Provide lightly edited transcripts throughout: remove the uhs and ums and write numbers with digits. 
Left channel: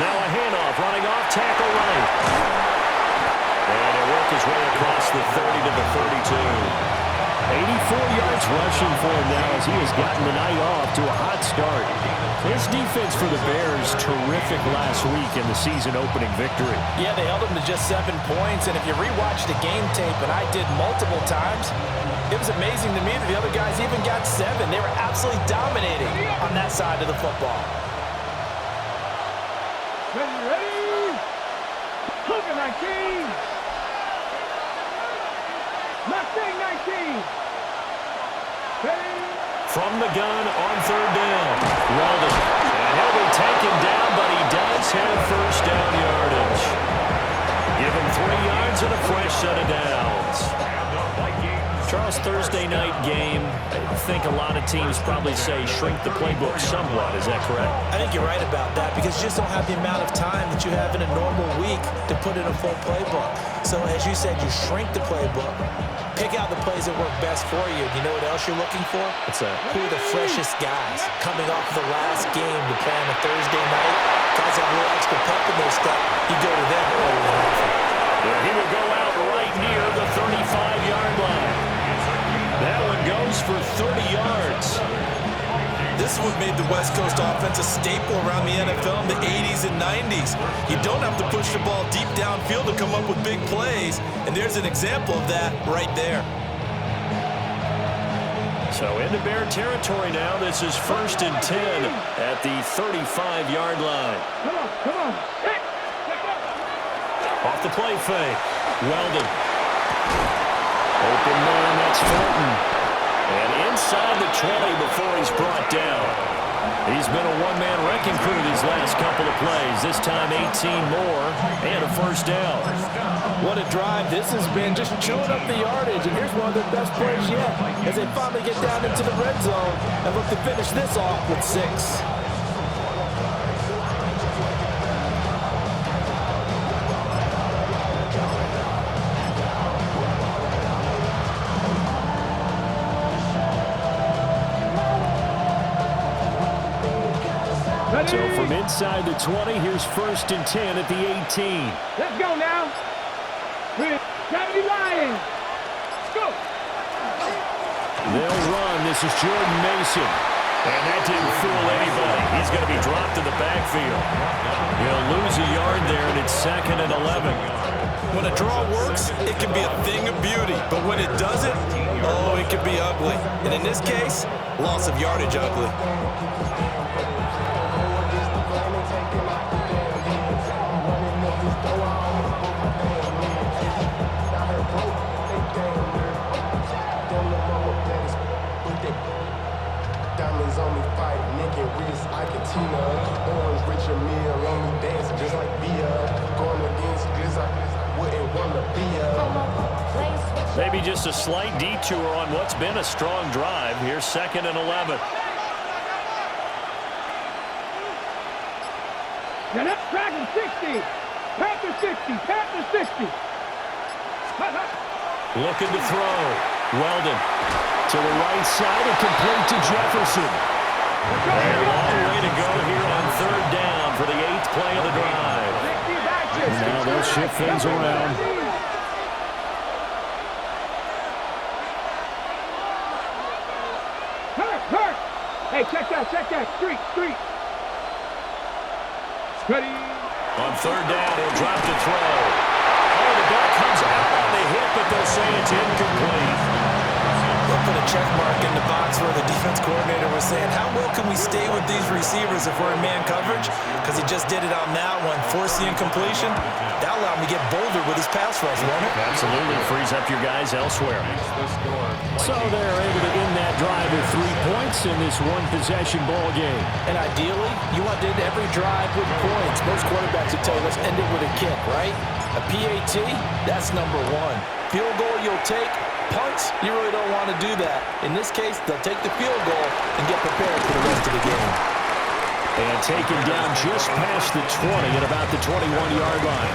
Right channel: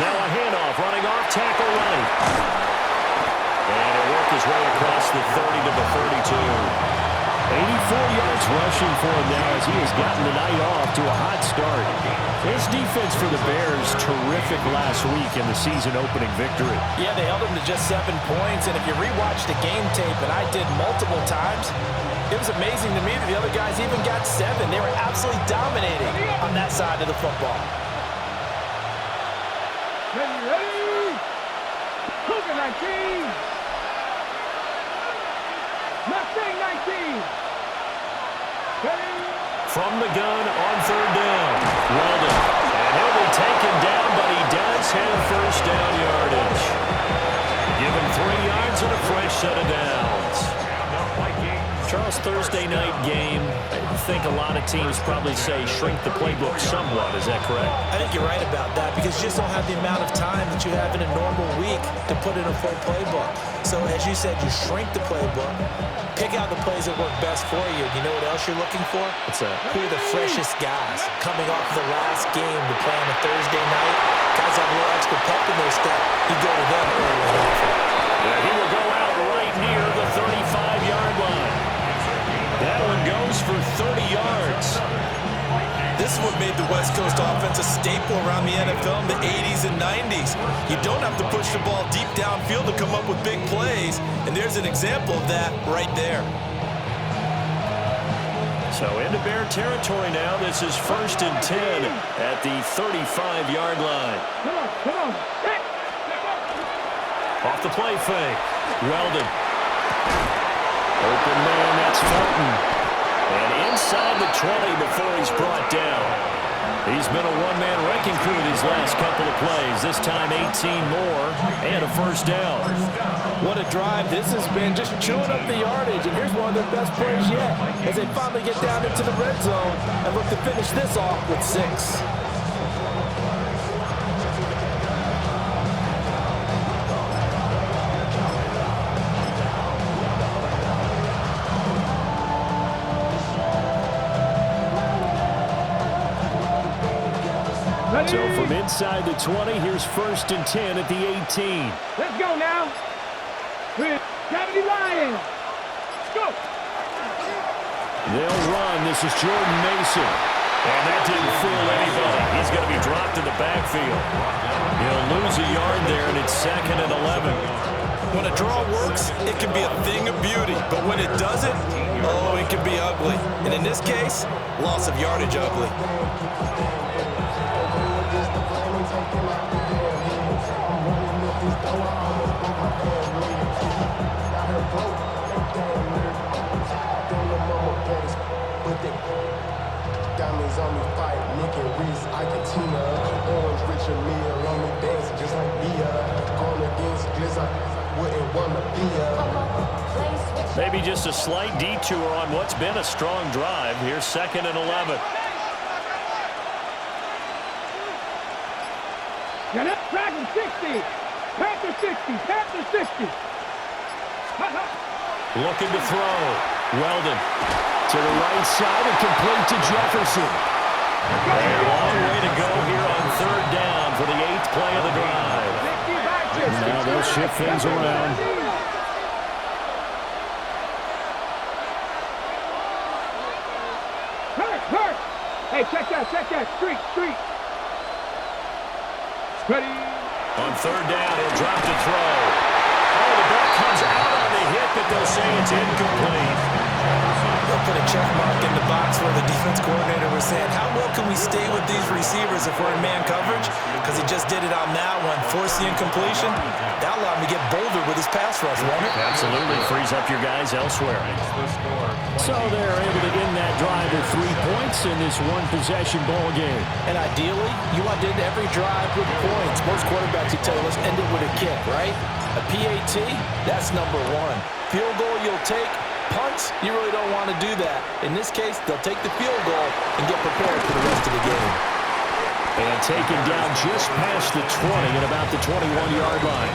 Now a handoff, running off, tackle right. And he'll work his way across the 30 to the 32. 84 yards rushing for him now as he has gotten the night off to a hot start. His defense for the Bears, terrific last week in the season-opening victory. Yeah, they held him to just 7 points, and if you rewatch the game tape, and I did multiple times, it was amazing to me that the other guys even got 7. They were absolutely dominating on that side of the football. Ready? Cougar 19. Mustang 19. Ready? From the gun on third down. Weldon. And he'll be taken down, but he does have first down yardage. Give him 3 yards and a fresh set of downs. Charles, Thursday night game, I think a lot of teams probably say shrink the playbook somewhat. Is that correct? I think you're right about that because you just don't have the amount of time that you have in a normal week to put in a full playbook. So as you said, you shrink the playbook, pick out the plays that work best for you. You know what else you're looking for? What's that? Who are the freshest guys coming off the last game to play on a Thursday night? Guys have a little extra pep in their step. You go to them early and often. Yeah, he will go out right near the 35-yard line. That one goes for 30 yards. This is what made the West Coast offense a staple around the NFL in the 80s and 90s. You don't have to push the ball deep downfield to come up with big plays, and there's an example of that right there. So into Bear territory now. This is 1st and 10 at the 35-yard line. Come on. Off the play fake. Weldon. Open man, that's Felton. And inside the 20 before he's brought down. He's been a one-man wrecking crew these last couple of plays. This time 18 more and a first down. What a drive this has been, just chewing up the yardage. And here's one of their best plays yet as they finally get down into the red zone and look to finish this off with 6. So from inside the 20, here's 1st and 10 at the 18. Let's go now. Gravity Lions. Go. They'll run. This is Jordan Mason. And that didn't fool anybody. He's going to be dropped in the backfield. He'll lose a yard there, and it's 2nd and 11. When a draw works, it can be a thing of beauty. But when it doesn't, oh, it can be ugly. And in this case, loss of yardage ugly. Diamonds on me fight, Nick and Reese, I can Tina. Orange Richard Mill on me dancing just like Bia. Going against Gliss, I wouldn't want to be Maybe just a slight detour on what's been a strong drive. Here's 2nd and 11. Get up, Dragon 60. Panther 60. Panther 60. Looking to throw. Weldon to the right side and complete to Jefferson. A long way to go here on 3rd down for the 8th play of the drive. And now they'll shift things around. Hurt. Hey, check that. Street. Ready. On 3rd down, he'll drop to throw. Oh, the ball comes out on the hit, but they'll say it's incomplete. They'll put a check mark in the box where the defense coordinator was saying, how well can we stay with these receivers if we're in man coverage? Because he just did it on that one, force the incompletion. That allowed him to get bolder with his pass rush, won't it? Absolutely. Frees up your guys elsewhere. So they're able to end that drive with 3 points in this one-possession ball game. And ideally, you want to end every drive with points. Most quarterbacks would tell you, let's end it with a kick, right? A PAT, that's number 1. Field goal you'll take. Punts, you really don't want to do that. In this case, they'll take the field goal and get prepared for the rest of the game. And taken down just past the 20 at about the 21-yard line.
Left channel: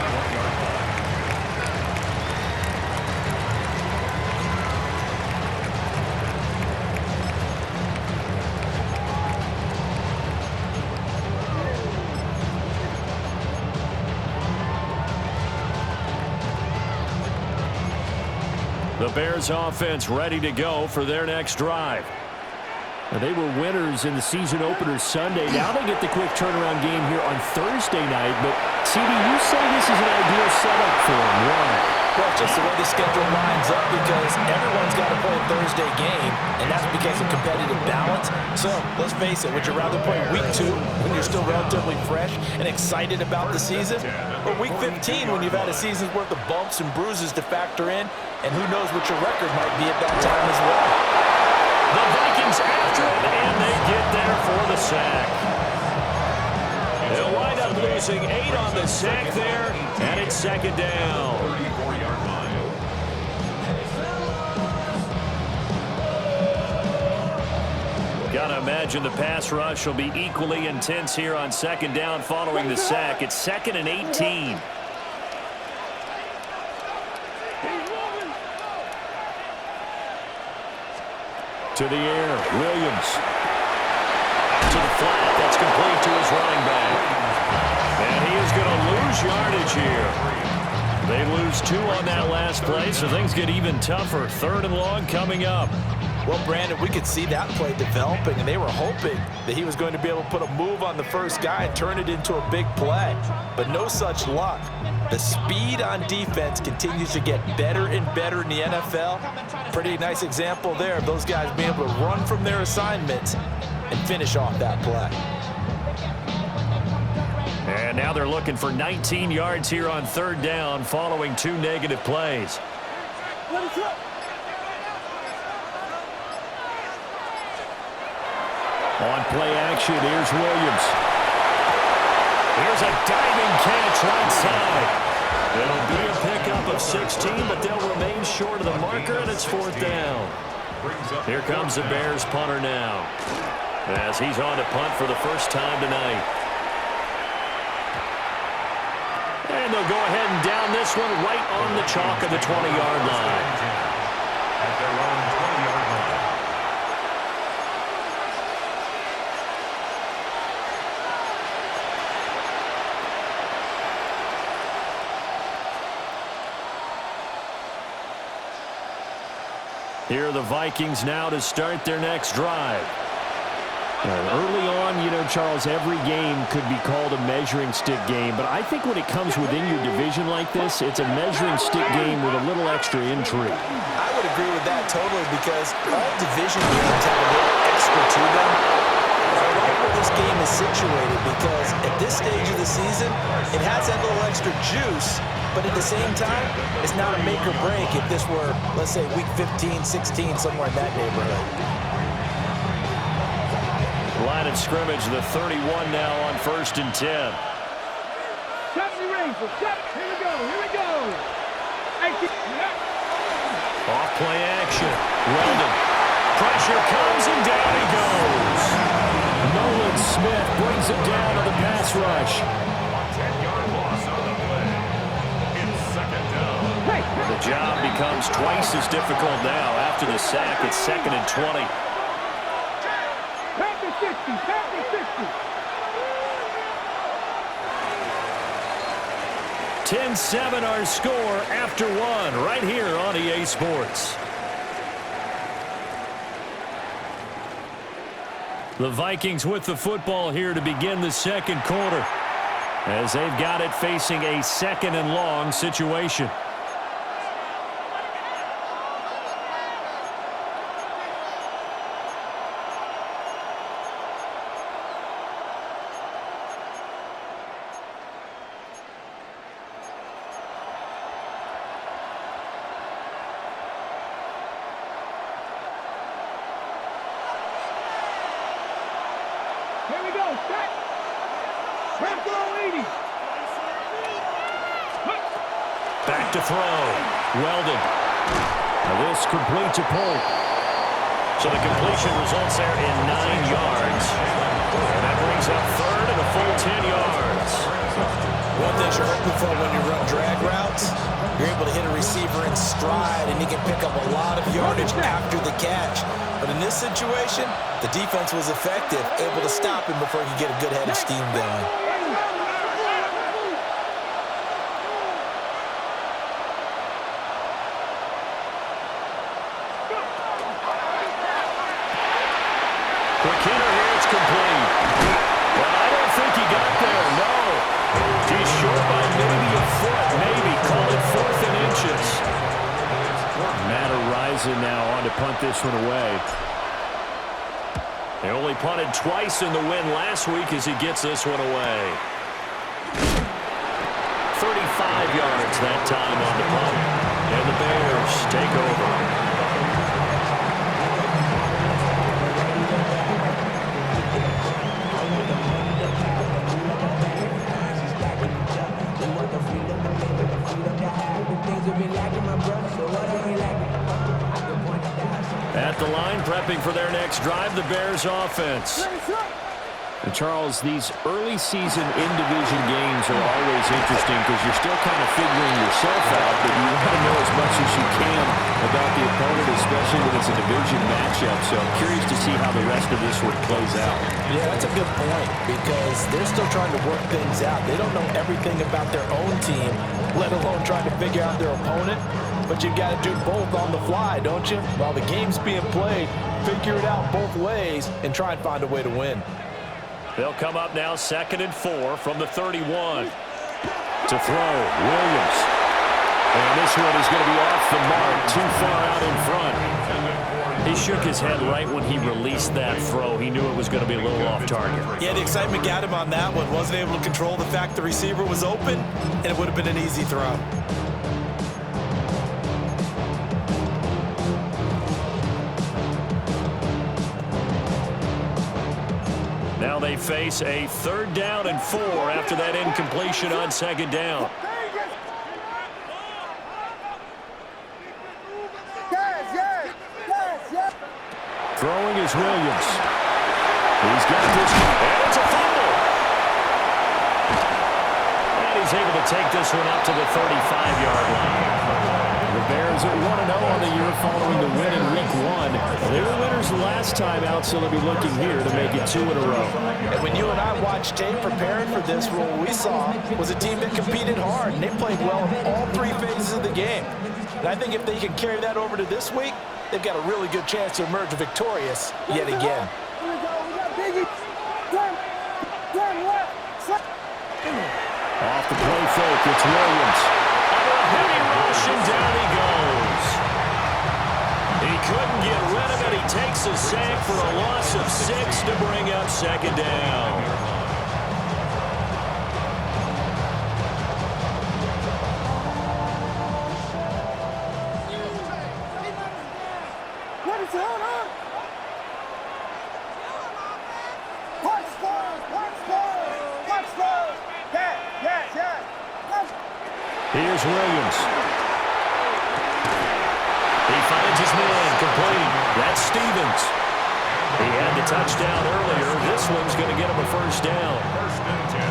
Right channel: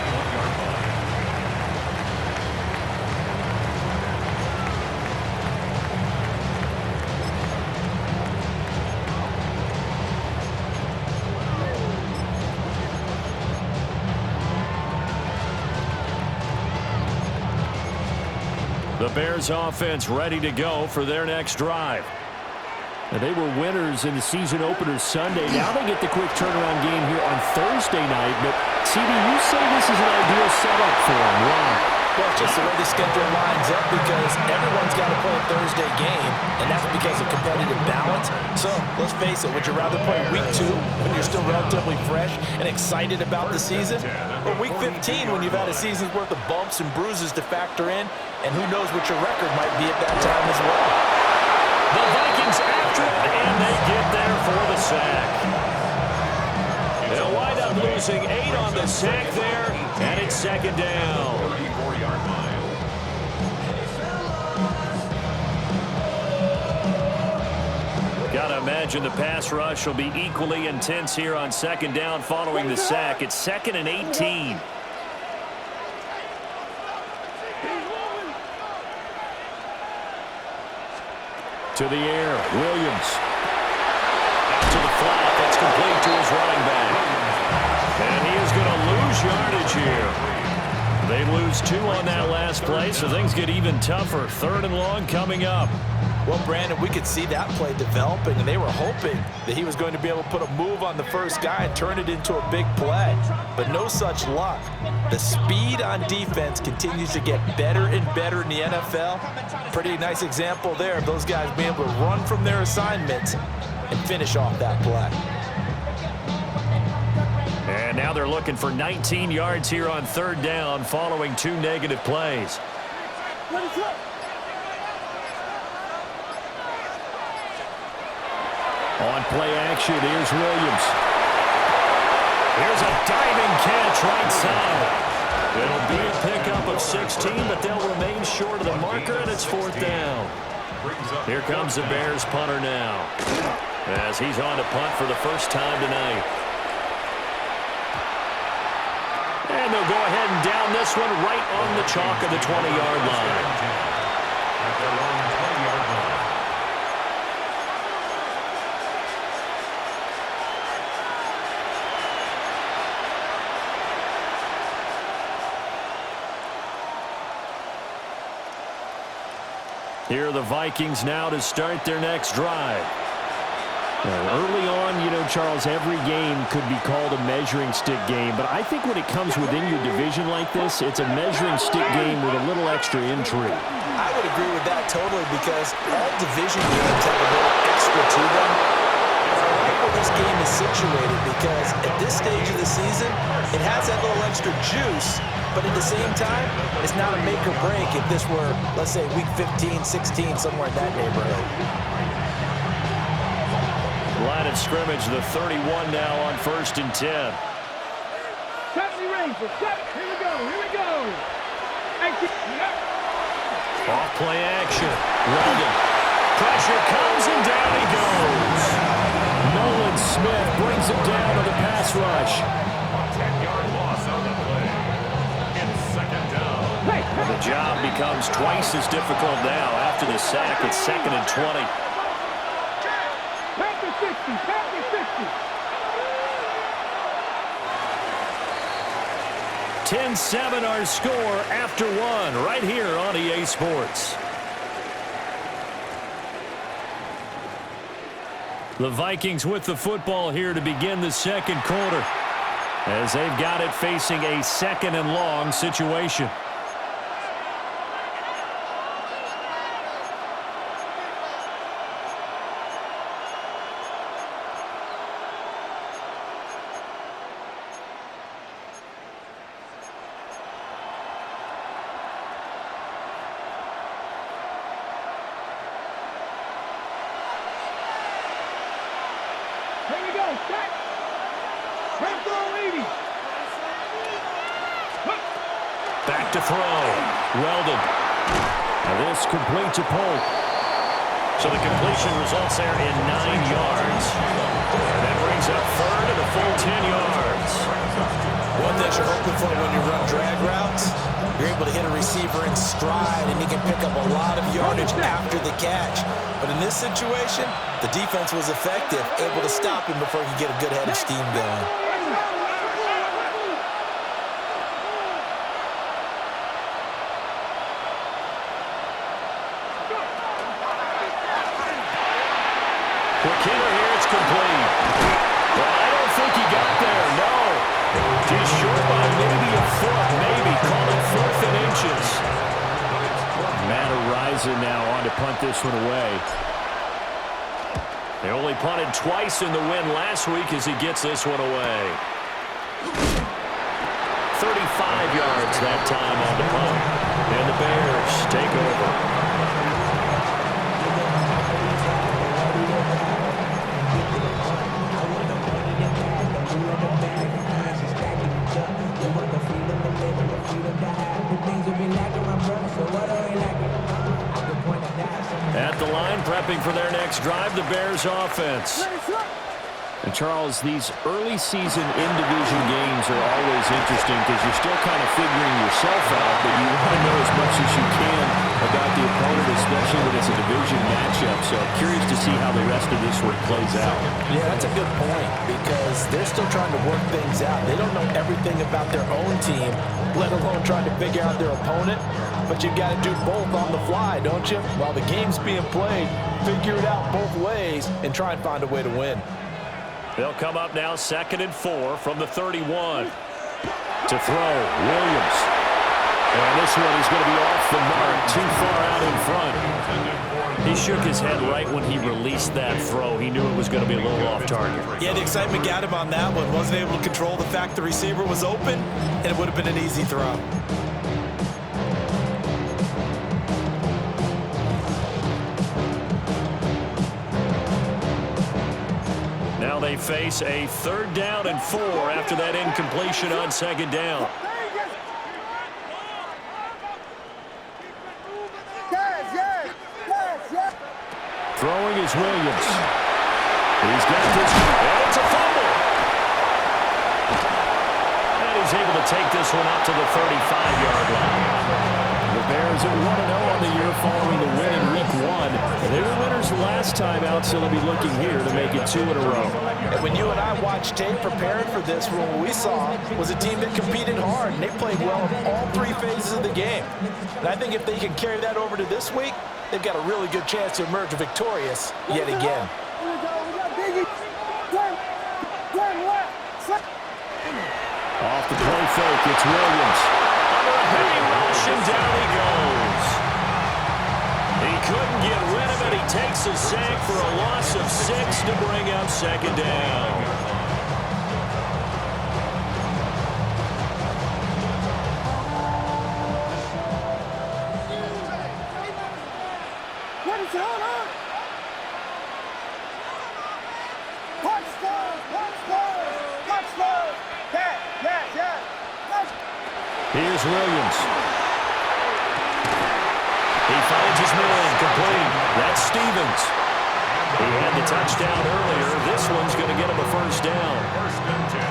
The Bears offense ready to go for their next drive. Now, they were winners in the season opener Sunday. Now they get the quick turnaround game here on Thursday night. But, CD, you say this is an ideal setup for them. Why? Well, it's just the way the schedule lines up because everyone's got to play a Thursday game, and that's because of competitive balance. So, let's face it, would you rather play week 2 when you're still relatively fresh and excited about the season? Or week 15 when you've had a season's worth of bumps and bruises to factor in, and who knows what your record might be at that time as well? The Vikings after it, and they get there for the sack. They'll wind up losing 8 on the sack there, and it's second down. 34-yard line. Gotta imagine the pass rush will be equally intense here on second down following the sack. It's 2nd and 18. To the air, Williams. Out to the flat, that's complete to his running back. And he is going to lose yardage here. They lose 2 on that last play, so things get even tougher. 3rd and long coming up. Well, Brandon, we could see that play developing, and they were hoping that he was going to be able to put a move on the first guy and turn it into a big play. But no such luck. The speed on defense continues to get better and better in the NFL. Pretty nice example there of those guys being able to run from their assignments and finish off that play. And now they're looking for 19 yards here on 3rd down following 2 negative plays. On play action, here's Williams. Here's a diving catch right side. It'll be a pickup of 16, but they'll remain short of the marker, and it's 4th down. Here comes the Bears punter now, as he's on to punt for the first time tonight. And they'll go ahead and down this one right on the chalk of the 20-yard line. At their own 20-yard line. Here are the Vikings now to start their next drive. Early on, you know, Charles, every game could be called a measuring stick game, but I think when it comes within your division like this, it's a measuring stick game with a little extra intrigue. I would agree with that totally because all division games have a little extra to them. But I like where this game is situated because at this stage of the season, it has that little extra juice, but at the same time, it's not a make or break if this were, let's say, week 15, 16, somewhere in that neighborhood. Line of scrimmage, the 31 now on 1st and 10. 70 range for 7. Here we go. Here we go. 18. Off play action. Weldon. Pressure comes and down he goes. Nolan Smith brings him down to the pass rush. 10-yard loss on the play. It's 2nd down. The job becomes twice as difficult now. After the sack, it's 2nd and 20. Panther 60. Panther 60. 10-7 our score after 1 right here on EA Sports. The Vikings with the football here to begin the 2nd quarter as they've got it facing a 2nd and long situation. Here we go. Set. Prep throw 80. Back to throw. Weldon. Now this complete to Polk. So the completion results there in 9 yards. And that brings up 3rd and a full 10 yards. One thing you're hoping for when you run drag routes, you're able to hit a receiver in stride and he can pick up a lot of yardage after the catch. But in this situation, the defense was effective, able to stop him before he could get a good head of steam going. it's complete. And I don't think he got there, no. He's short by maybe a foot, maybe. Call it 4th and inches. Matt Araiza now on to punt this one away. They only punted twice in the win last week as he gets this one away. 35 yards that time on the punt. And the Bears take over. At the line, prepping for their next drive, the Bears offense. And Charles, these early season in-division games are always interesting because you're still kind of figuring yourself out, but you want to know as much as you can about the opponent, especially when it's a division matchup. So I'm curious to see how the rest of this one plays out. Yeah, that's a good point because they're still trying to work things out. They don't know everything about their own team, let alone trying to figure out their opponent. But you've got to do both on the fly, don't you? While the game's being played, figure it out both ways and try and find a way to win. They'll come up now 2nd and 4 from the 31. To throw, Williams. And this one is going to be off the mark, too far out in front. He shook his head right when he released that throw. He knew it was going to be a little off target. Yeah, the excitement got him on that one. Wasn't able to control the fact the receiver was open, and it would have been an easy throw. Now they face a 3rd down and 4 after that incompletion on 2nd down. Throwing is Williams. He's got this, and it's a fumble. And he's able to take this one up to the 35-yard line. The Bears at 1-0 on the year following the win in Week 1. They were winners last time out, so they'll be looking here to make it 2 in a row. And when you and I watched tape preparing for this, what we saw was a team that competed hard, and they played well in all 3 phases of the game. And I think if they can carry that over to this week, they've got a really good chance to emerge victorious yet again. Off the play fake, it's Williams. Under a heavy rush, and down he goes. He couldn't get rid of it. He takes a sack for a loss of 6 to bring up 2nd down. Here's Williams. He finds his man, complete. That's Stevens. He had the touchdown earlier. This one's going to get him a 1st down.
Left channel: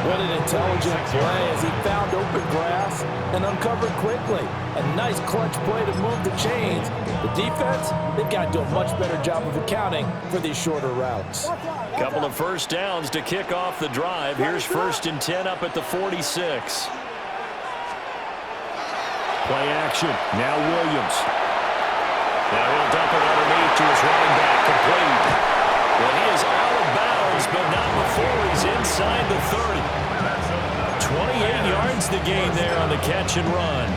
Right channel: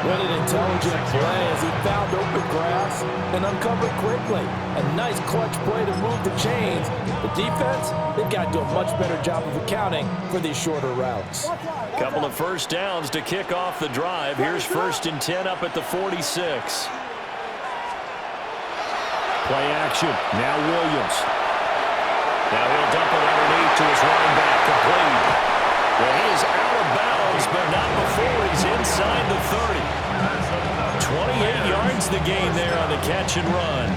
What an intelligent play as he found open grass and uncovered quickly. A nice clutch play to move the chains. The defense, they've got to do a much better job of accounting for these shorter routes. Couple of 1st downs to kick off the drive. Here's 1st and 10 up at the 46. Play action. Now Williams. Now he'll dump it underneath to his running back, complete. Well, he is out of bounds, but not before he's inside the 30. 28 yards the gain there on the catch and run.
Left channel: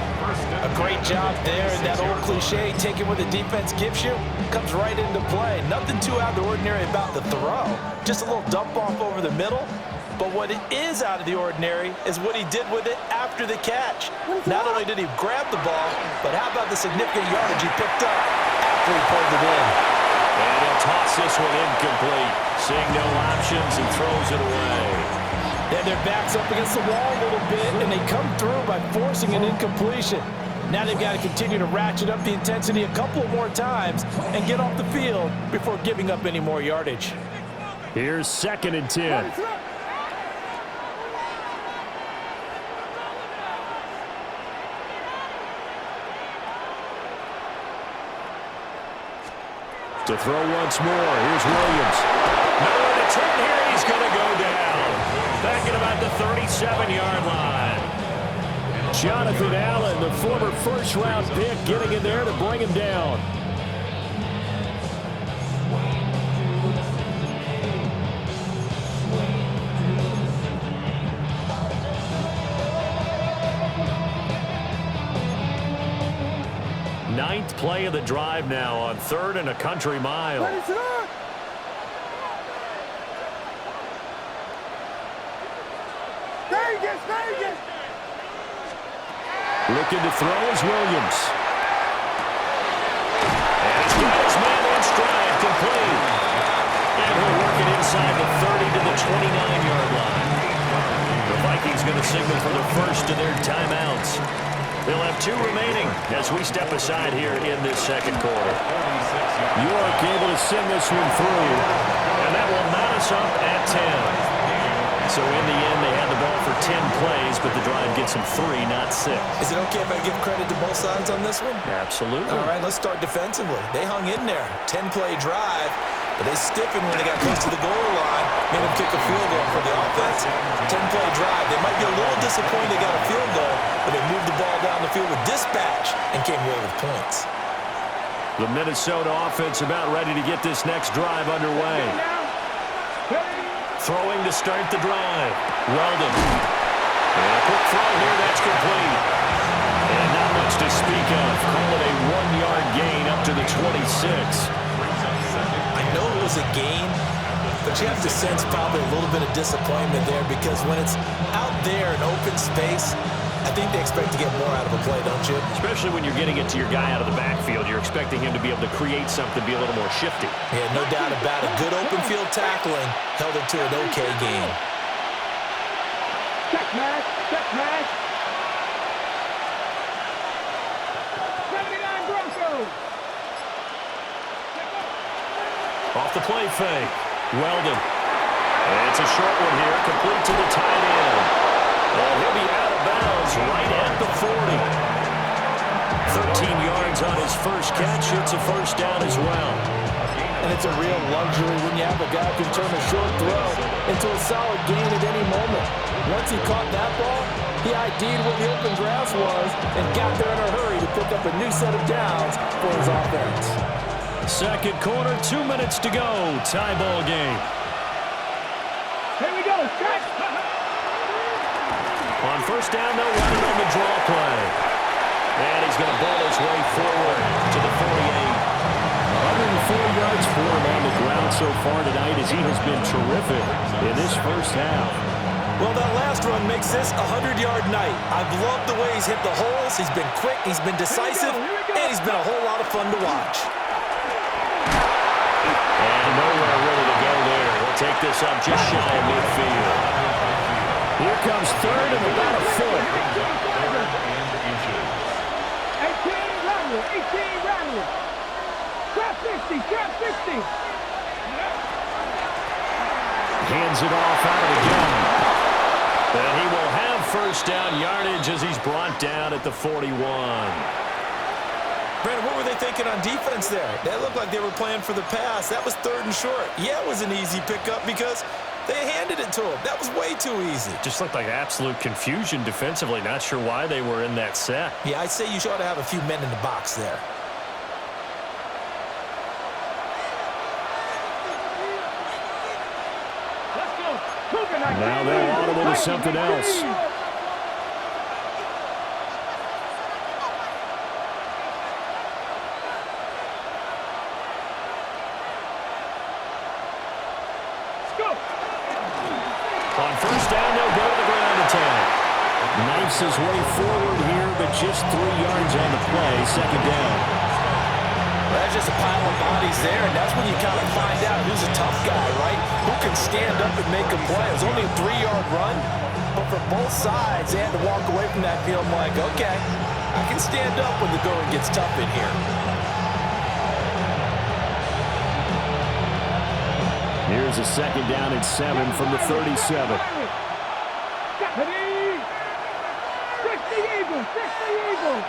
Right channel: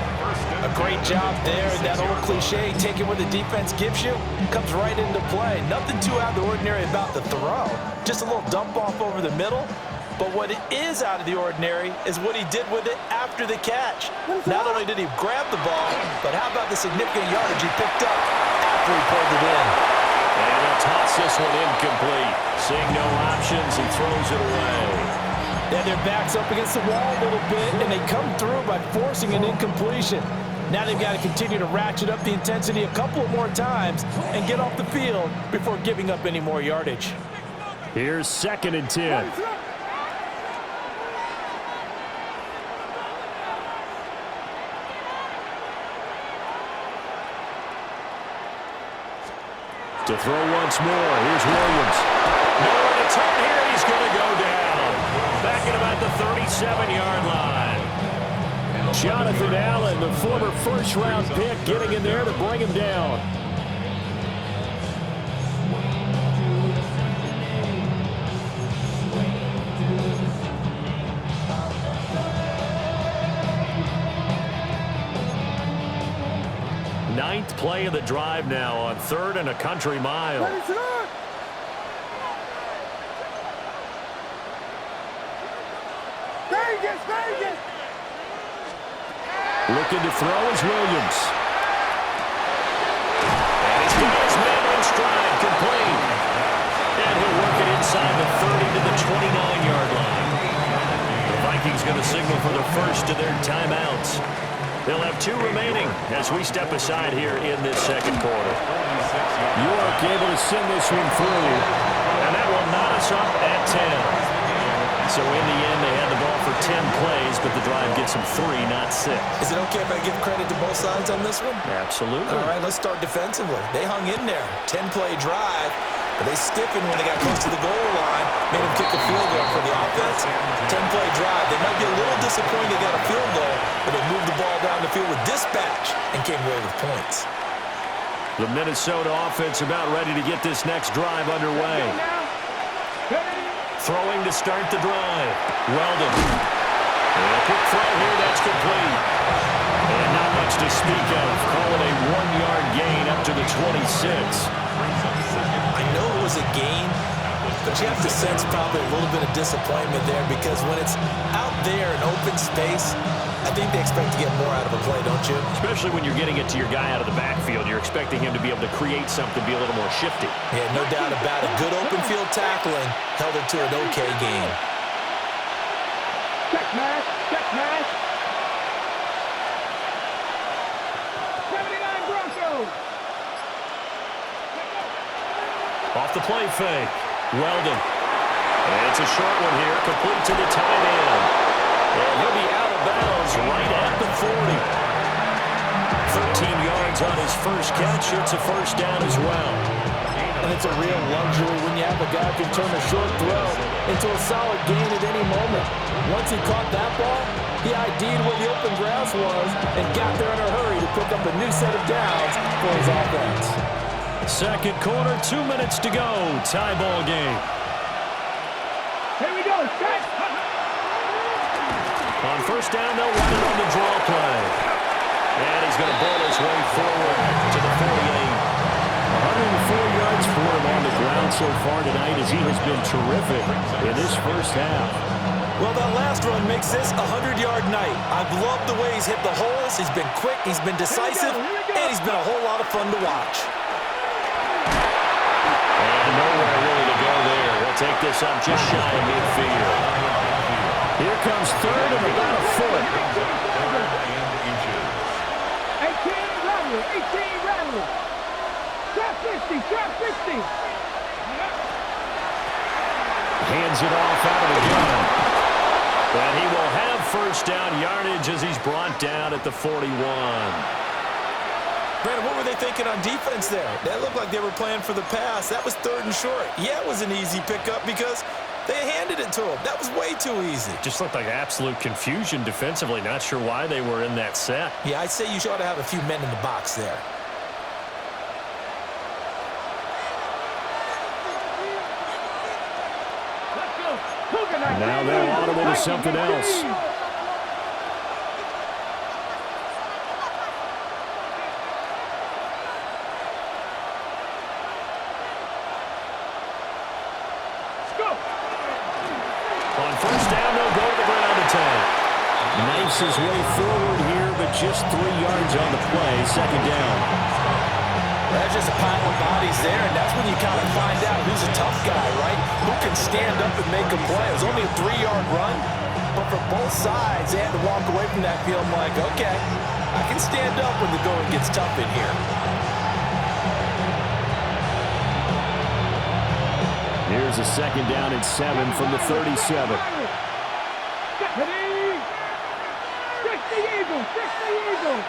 A great job there, and that old cliche, taking what the defense gives you, comes right into play. Nothing too out of the ordinary about the throw. Just a little dump off over the middle. But what it is out of the ordinary is what he did with it after the catch. Not only did he grab the ball, but how about the significant yardage he picked up after he pulled it in. And he'll toss this one incomplete. Seeing no options and throws it away. Then their back's up against the wall a little bit, and they come through by forcing an incompletion. Now they've got to continue to ratchet up the intensity a couple more times and get off the field before giving up any more yardage. Here's 2nd and 10. To throw once more, here's Williams. Nowhere to turn here, he's going to go down. Back at about the 37-yard line. Jonathan Allen, the former 1st-round pick, getting in there to bring him down. ninth play of the drive now on 3rd and a country mile. Looking to throw is Williams. And he's got his man in stride, complete. And he'll work it inside the 30 to the 29-yard line. The Vikings going to signal for the first of their timeouts. They'll have 2 remaining as we step aside here in this second quarter. York able to send this one through. And that will knot us up at 10. So in the end, they had the ball for 10 plays, but the drive gets them 3, not 6. Is it okay if I give credit to both sides on this one? Absolutely. All right, let's start defensively. They hung in there. 10-play drive, but they stiffened when they got close to the goal line, made them kick a field goal for the offense. 10-play drive. They might be a little disappointed they got a field goal, but they moved the ball down the field with dispatch and came away with points. The Minnesota offense about ready to get this next drive underway. Throwing to start the drive. Weldon. And a quick throw here, that's complete. And not much to speak of. Call it a 1-yard gain up to the 26. I know it was a gain, but you have to sense probably a little bit of disappointment there because when it's out there in open space, I think they expect to get more out of a play, don't you? Especially when you're getting it to your guy out of the backfield. You're expecting him to be able to create something, be a little more shifty. Yeah, no doubt about it. Good open field tackling held it to an okay game. Check pass, check pass. 79 Broncos. Off the play fake. Weldon. And it's a short one here, complete to the tight end. And he'll be out of bounds right at the 40. 13 yards on his first catch. It's a first down as well. And it's a real luxury when you have a guy who can turn a short throw into a solid gain at any moment. Once he caught that ball, he ID'd where the open grass was and got there in a hurry to pick up a new set of downs for his offense. Second quarter, 2 minutes to go. Tie ball game. Here we go, set. On first down, they'll run it on the draw play. And he's going to ball his way forward to the 48. 104 yards for him on the ground so far tonight as he has been terrific in this first half. Well, that last run makes this a 100-yard night. I've loved the way he's hit the holes. He's been quick, he's been decisive, and he's been a whole lot of fun to watch. And nowhere really to go there. He'll take this up just shy of midfield. Here comes third and about a foot. 18 Rattler, 18 Rattler. Trap 50, trap 50. Hands it off out of the gun. And he will have first down yardage as he's brought down at the 41. Brandon, what were they thinking on defense there? That looked like they were playing for the pass. That was 3rd and short. Yeah, it was an easy pickup because they handed it to him. That was way too easy. Just looked like absolute confusion defensively. Not sure why they were in that set. Yeah, I'd say you ought to have a few men in the box there. Let's go. Cougar 19. Now they're audible to something else. On first down, they'll go to the ground attack. Knifes his way forward here, but just 3 yards on the play. Second down. Well, that's just a pile of bodies there, and that's when you kind of find out who's a tough guy, right? Who can stand up and make a play. It was only a 3-yard run, but for both sides, they had to walk away from that field like, okay, I can stand up when the going gets tough in here. Here's a second down and 7 from the 37. Stephanie! 60 Eagles! 60 Eagles!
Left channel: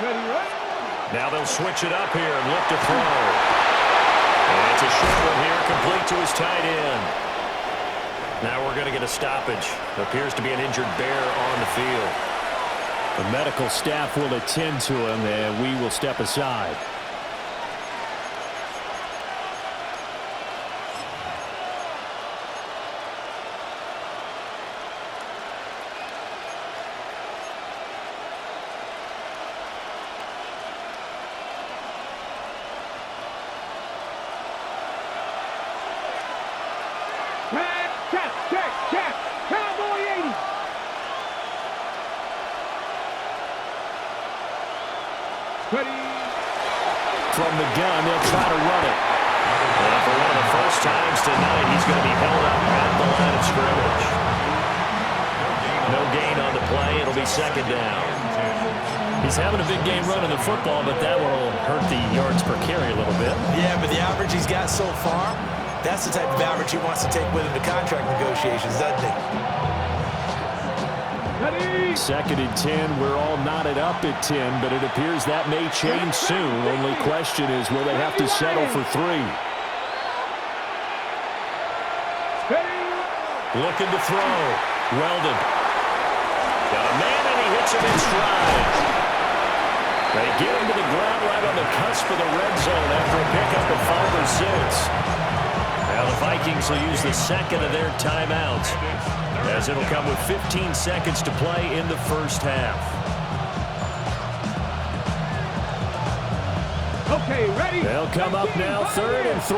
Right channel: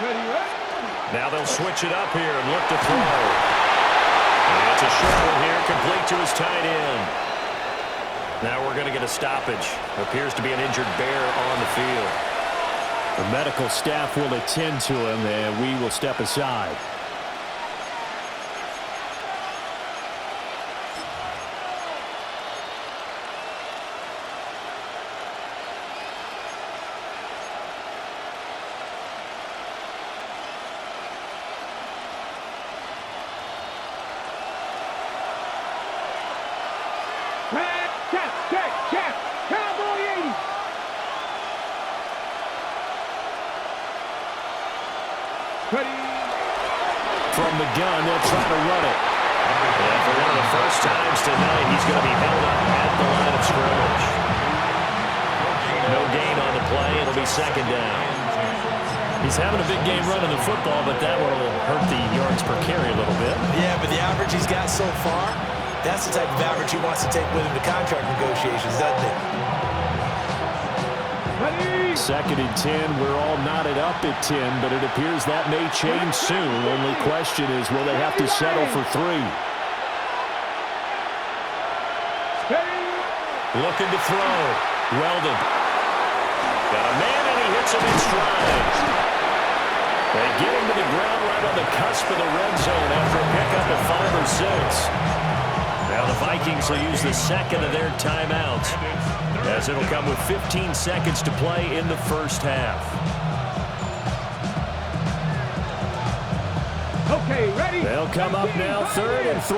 Ready, right? Now they'll switch it up here and look to throw. And it's a short one here, complete to his tight end. Now we're going to get a stoppage. Appears to be an injured bear on the field. The medical staff will attend to him, and we will step aside. Ready. From the gun, they'll try to run it. And for one of the first times tonight, he's going to be held up at the line of scrimmage. No gain on the play. It'll be second down. He's having a big game running the football, but that will hurt the yards per carry a little bit. Yeah, but the average he's got so far, that's the type of average he wants to take with him to contract negotiations, doesn't it? Ready. Second and 10. We're all knotted up at 10, but it appears that may change soon. Only question is, will they have to settle for 3? Ready. Looking to throw. Weldon. Got a man, and he hits him in stride. They get him to the ground right on the cusp of the red zone after a pickup at 5 or 6. Now the Vikings will use the second of their timeouts, as it'll come with 15 seconds to play in the first half. Okay, ready. They'll come up now, 3rd and 3.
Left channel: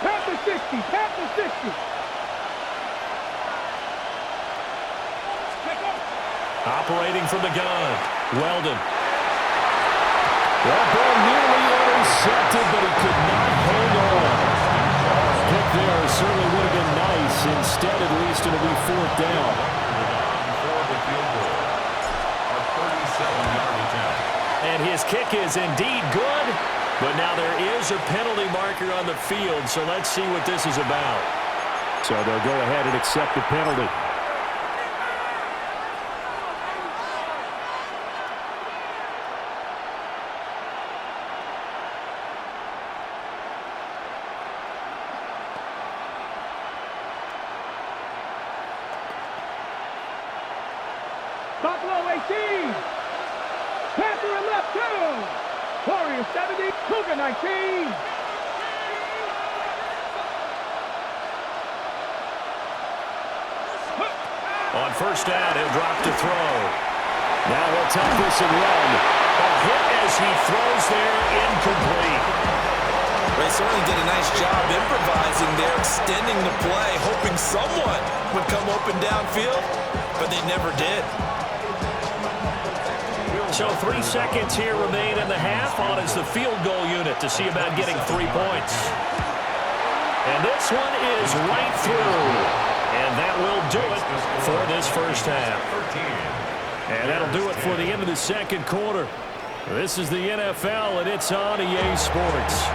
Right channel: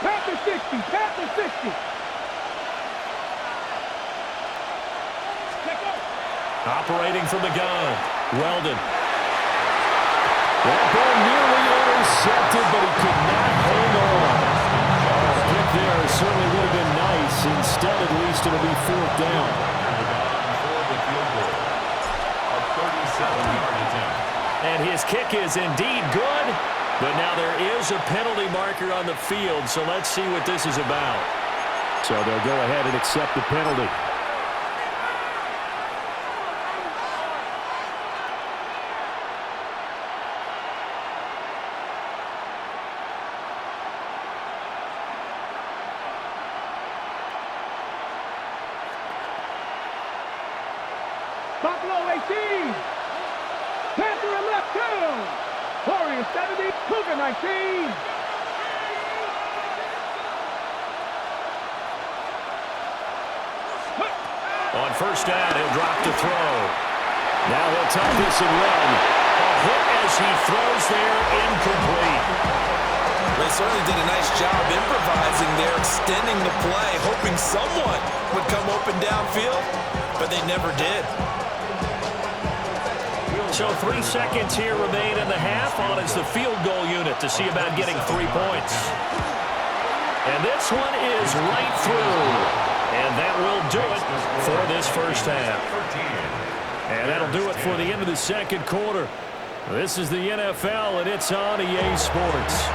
Panther 60, Panther 60. Operating from the gun, Weldon. That ball nearly intercepted, but he could not hang on. Pick there certainly would have been nice. Instead, at least, it'll be 4th down. For the field goal. A 37-yard attempt. And his kick is indeed good, but now there is a penalty marker on the field, so let's see what this is about. So they'll go ahead and accept the penalty. Buffalo 18. Panther left 2. Warriors 70. Cougar 19. On first down, he'll drop to throw. Now he'll tuck this and run. A hit as he throws there, incomplete. They certainly did a nice job improvising there, extending the play, hoping someone would come open downfield, but they never did. So 3 seconds here remain in the half. On is the field goal unit to see about getting 3 points. And this one is right through. And that will do it for this first half. And that'll do it for the end of the second quarter. This is the NFL, and it's on EA Sports.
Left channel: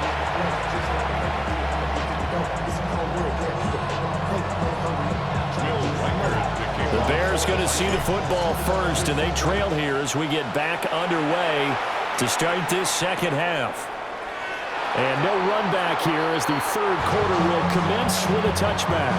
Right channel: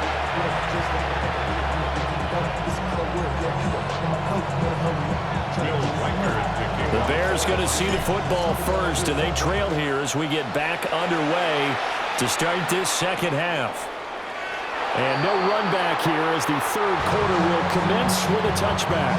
The Bears going to see the football first, and they trail here as we get back underway to start this second half. And no run back here as the third quarter will commence with a touchback.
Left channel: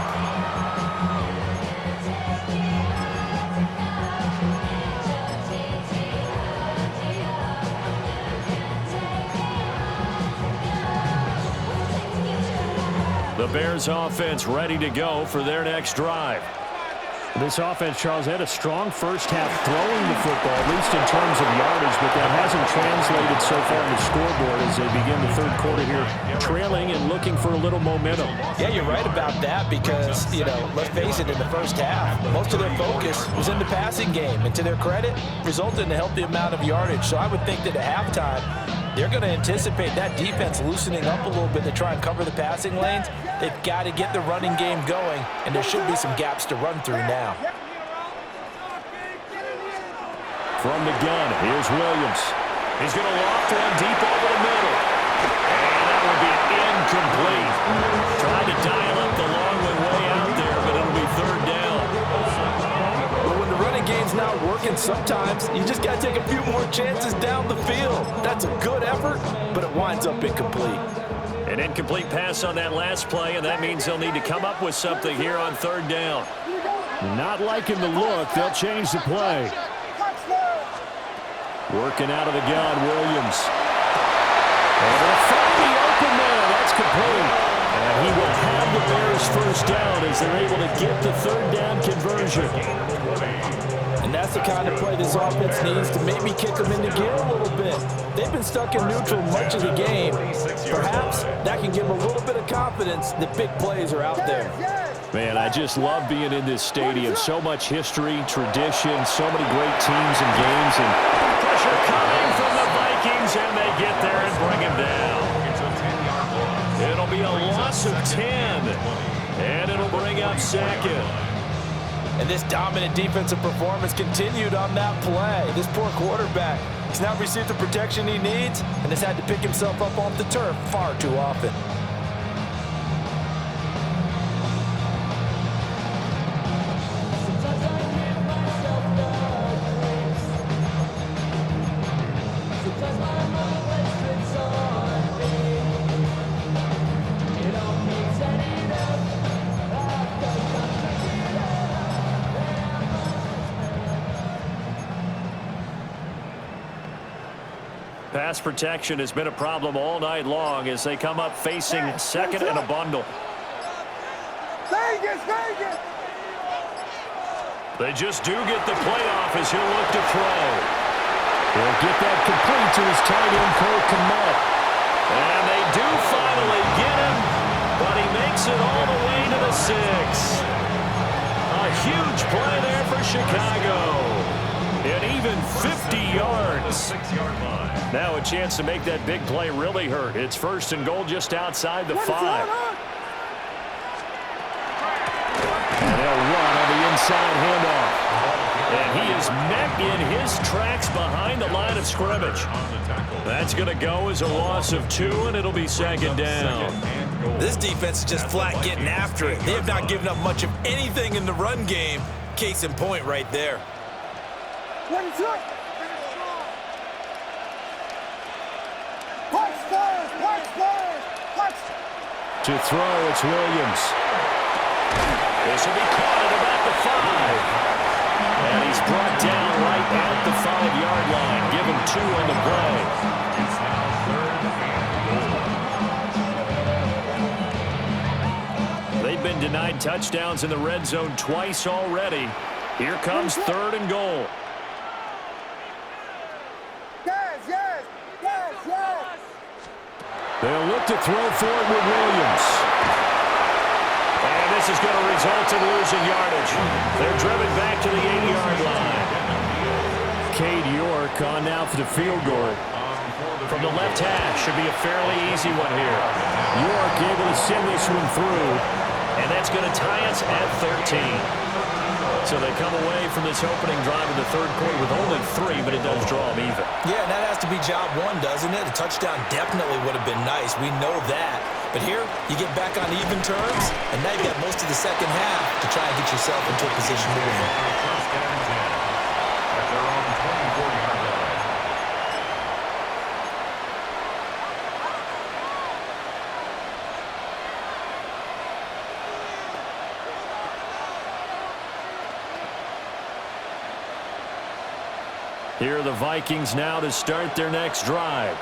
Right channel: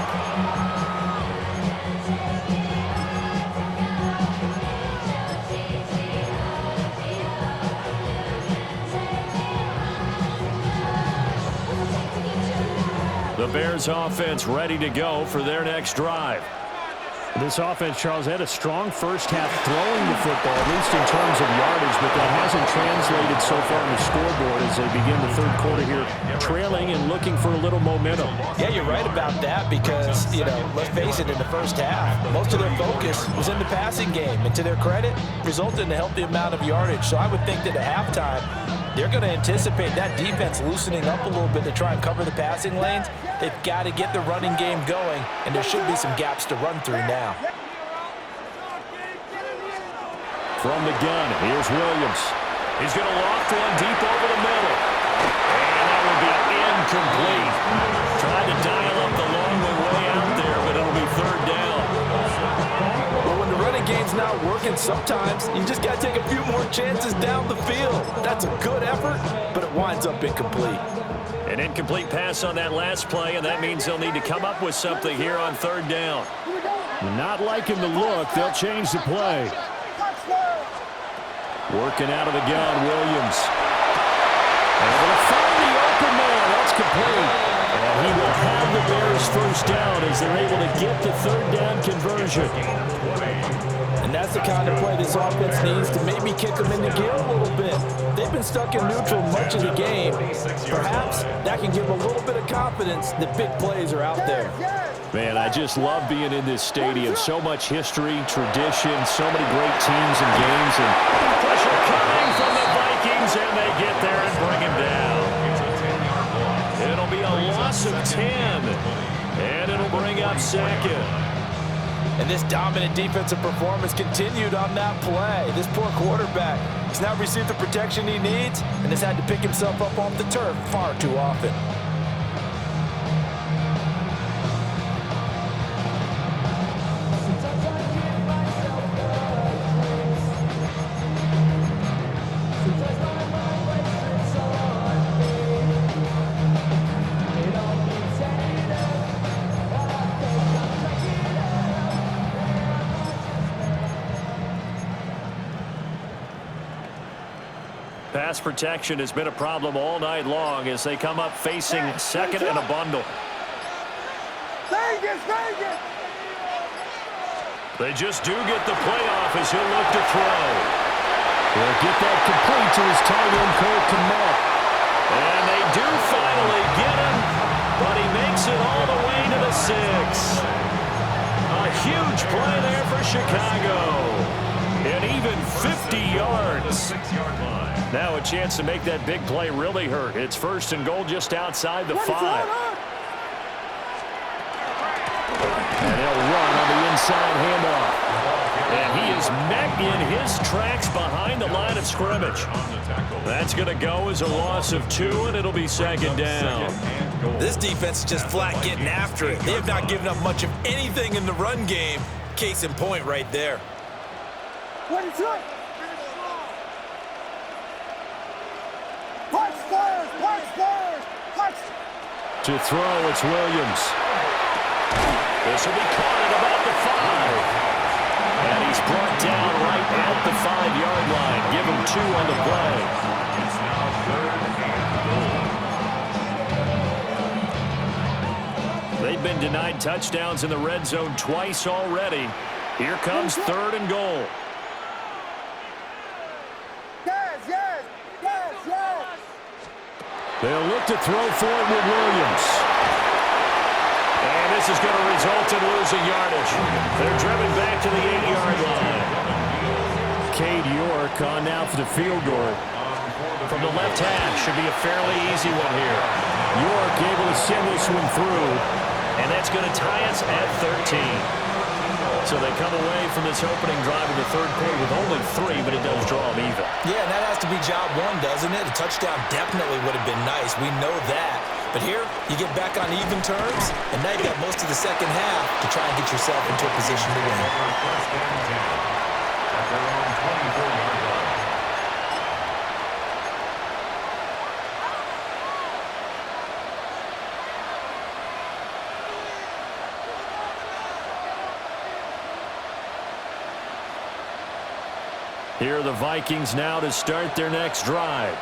The Bears offense ready to go for their next drive. This offense, Charles, had a strong first half throwing the football, at least in terms of yardage, but that hasn't translated so far on the scoreboard as they begin the third quarter here, trailing and looking for a little momentum. Yeah, you're right about that because, let's face it, in the first half, most of their focus was in the passing game, and to their credit, resulted in a healthy amount of yardage. So I would think that at halftime, they're going to anticipate that defense loosening up a little bit to try and cover the passing lanes. They've got to get the running game going, and there should be some gaps to run through now. From the gun, here's Williams. He's going to loft one deep over the middle. And that will be incomplete. Tried to dial up the long one way out there, but it'll be third down. But when the running game's not working, sometimes you just got to take a few more chances down the field. That's a good effort, but it winds up incomplete. An incomplete pass on that last play, and that means they'll need to come up with something here on third down. Not liking the look. They'll change the play. Working out of the gun, Williams. Able to find the open man. That's complete. And he will have the Bears first down as they're able to get the third down conversion. And that's the kind of play this offense needs to maybe kick them into gear a little bit. They've been stuck in neutral much of the game. Perhaps that can give them a little bit of confidence that big plays are out there. Man, I just love being in this stadium. So much history, tradition, so many great teams and games. And pressure coming from the Vikings, and they get there and bring him down. It's a 10-yard loss. It'll be a loss of 10, and it'll bring up second. And this dominant defensive performance continued on that play. This poor quarterback, he's not received the protection he needs and has had to pick himself up off the turf far too often. Pass protection has been a problem all night long as they come up facing second and a bundle. Vegas, Vegas! They just do get the playoff as he'll look to throw. He'll get that complete to his tight end, Cole Kmet. And they do finally get him, but he makes it all the way to the 6. A huge play there for Chicago. And even 50 yards. The 6-yard line. Now a chance to make that big play really hurt. It's 1st and goal just outside the 5. And they'll run on the inside handoff. And he is met in his tracks behind the line of scrimmage. That's going to go as a loss of 2, and it'll be second down. This defense is just flat getting after it. They have not given up much of anything in the run game. Case in point right there. What is it? Punch players! Punch players! Punch! To throw, it's Williams. This will be caught at about the 5. And he's brought down right at the 5-yard line. Give him 2 on the play. It's now 3rd and goal. They've been denied touchdowns in the red zone twice already. Here comes 3rd and goal. They'll look to throw for it with Williams. And this is going to result in losing yardage. They're driven back to the 8-yard line. Cade York on now for the field goal. From the left hash, should be a fairly easy one here. York able to send this one through. And that's going to tie us at 13. So they come away from this opening drive in the 3rd quarter with only 3, but it does draw them even. Yeah, and that has to be job 1, doesn't it? A touchdown definitely would have been nice. We know that. But here, you get back on even terms, and now you've got most of the second half to try and get yourself into a position to win. 1st and 10 at their own 24-yard line. Here are the Vikings now to start their next drive.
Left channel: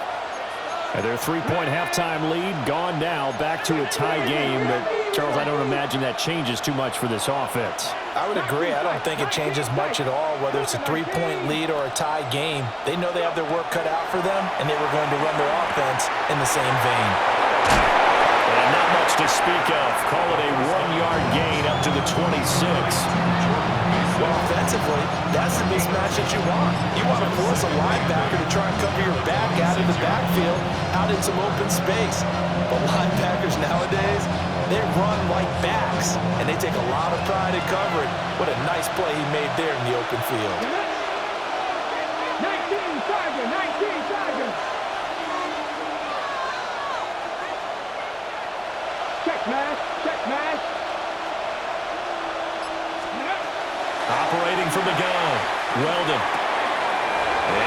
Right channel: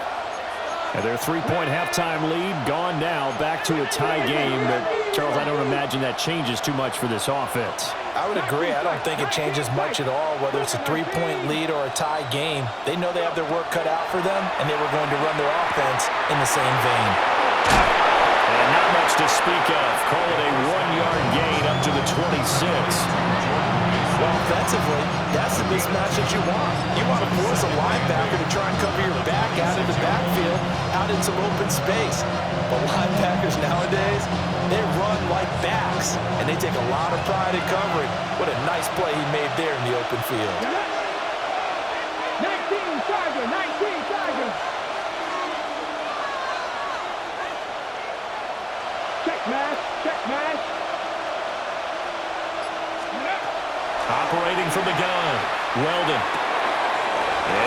And their 3-point halftime lead gone now, back to a tie game. But, Charles, I don't imagine that changes too much for this offense. I would agree. I don't think it changes much at all, whether it's a 3-point lead or a tie game. They know they have their work cut out for them, and they were going to run their offense in the same vein. And not much to speak of. Call it a 1-yard gain up to the 26. Well, offensively, that's the mismatch that you want. You want to force a linebacker to try and cover your back out in the backfield, out in some open space. But linebackers nowadays, they run like backs, and they take a lot of pride in covering. What a nice play he made there in the open field. 19 Tiger, 19 Tiger. Check mash, check mash. Operating from the gun, Weldon.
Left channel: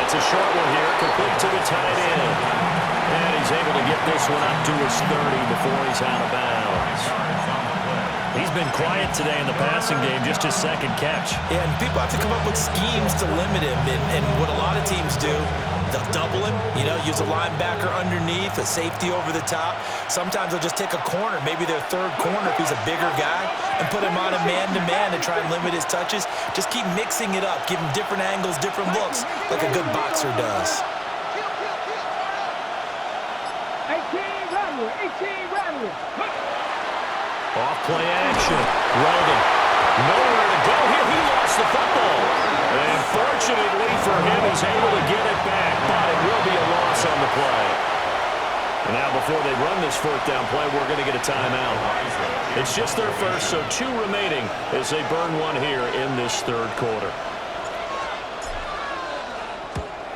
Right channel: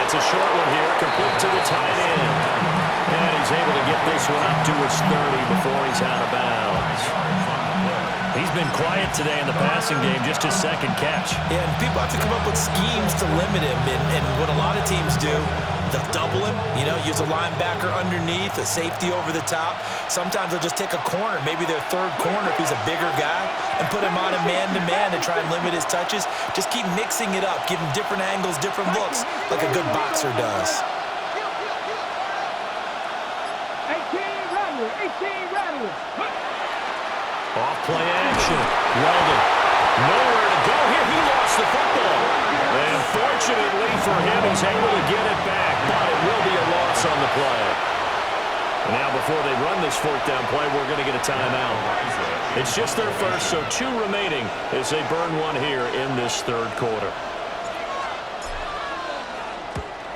It's a short one here, complete to the tight end. And he's able to get this one up to his 30 before he's out of bounds. He's been quiet today in the passing game, just his 2nd catch. Yeah, and people have to come up with schemes to limit him. And what a lot of teams do, they'll double him, use a linebacker underneath, a safety over the top. Sometimes they'll just take a corner, maybe their 3rd corner if he's a bigger guy, and put him on a man-to-man to try and limit his touches. Just keep mixing it up, give him different angles, different looks, like a good boxer does. 18 Rattler, 18 Rattler. Off play action. Weldon. Nowhere to go here. He lost the football. And fortunately for him, he's able to get it back, but it will be a loss on the play. And now before they run this fourth down play, we're going to get a timeout. It's just their first, so 2 remaining as they burn one here in this third quarter.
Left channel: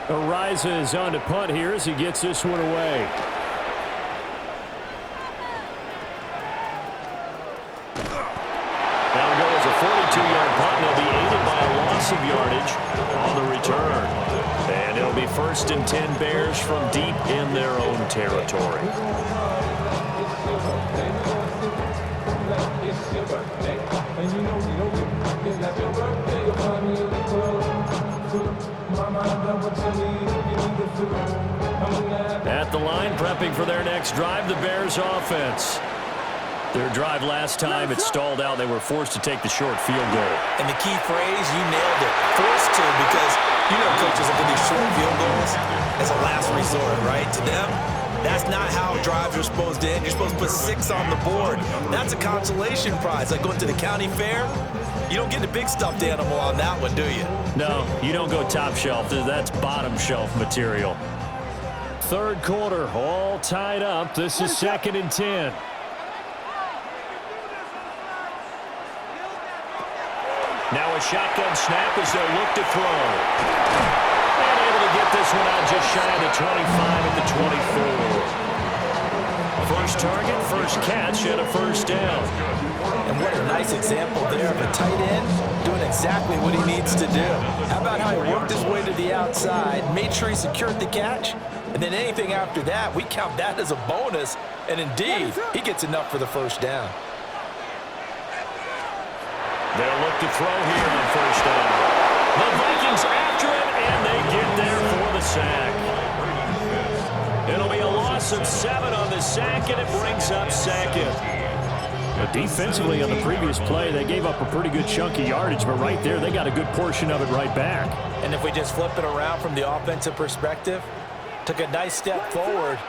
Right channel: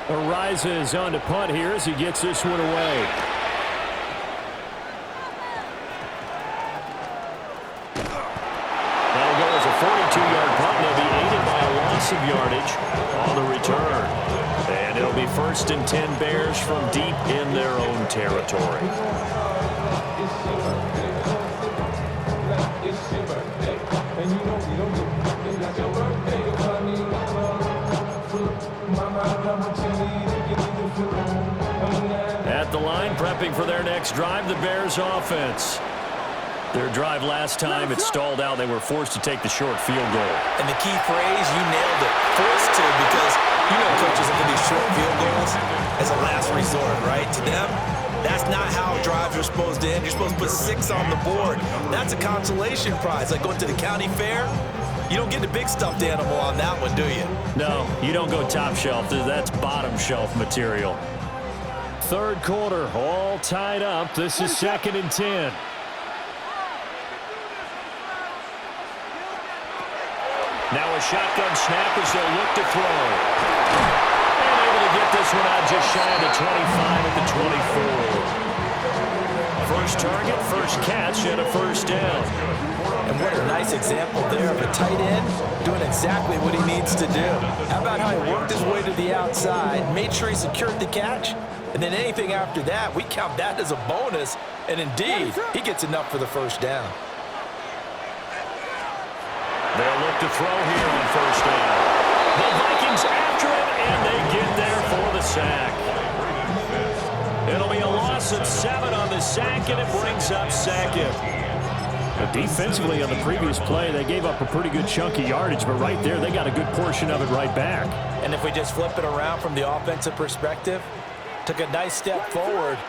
Ariza is on to punt here as he gets this one away. That'll go as a 42-yard punt, and they'll be aided by a loss of yardage on the return. And it'll be 1st and 10 Bears from deep in their own territory. At the line, prepping for their next drive, the Bears offense. Their drive last time, it stalled out. They were forced to take the short field goal. And the key phrase, you nailed it. Forced to, because you know coaches look at these short field goals as a last resort, right? To them, that's not how drives are supposed to end. You're supposed to put 6 on the board. That's a consolation prize. Like going to the county fair, you don't get the big stuffed animal on that one, do you? No, you don't go top shelf. That's bottom shelf material. Third quarter, all tied up. This is 2nd and 10. Now a shotgun snap as they'll look to throw. And able to get this one out just shy of the 25 at the 24. First target, first catch, and a first down. And what a nice example there of a tight end doing exactly what he needs to do. How about how he worked his way to the outside, made sure he secured the catch, and then anything after that, we count that as a bonus. And indeed, he gets enough for the first down. They'll look to throw here on first down. The Vikings after him, and they get there for the sack. It'll be a loss of 7 on the sack, and it brings up 2nd. Defensively on the previous play, they gave up a pretty good chunk of yardage, but right there, they got a good portion of it right back. And if we just flip it around from the offensive perspective, took a nice step forward,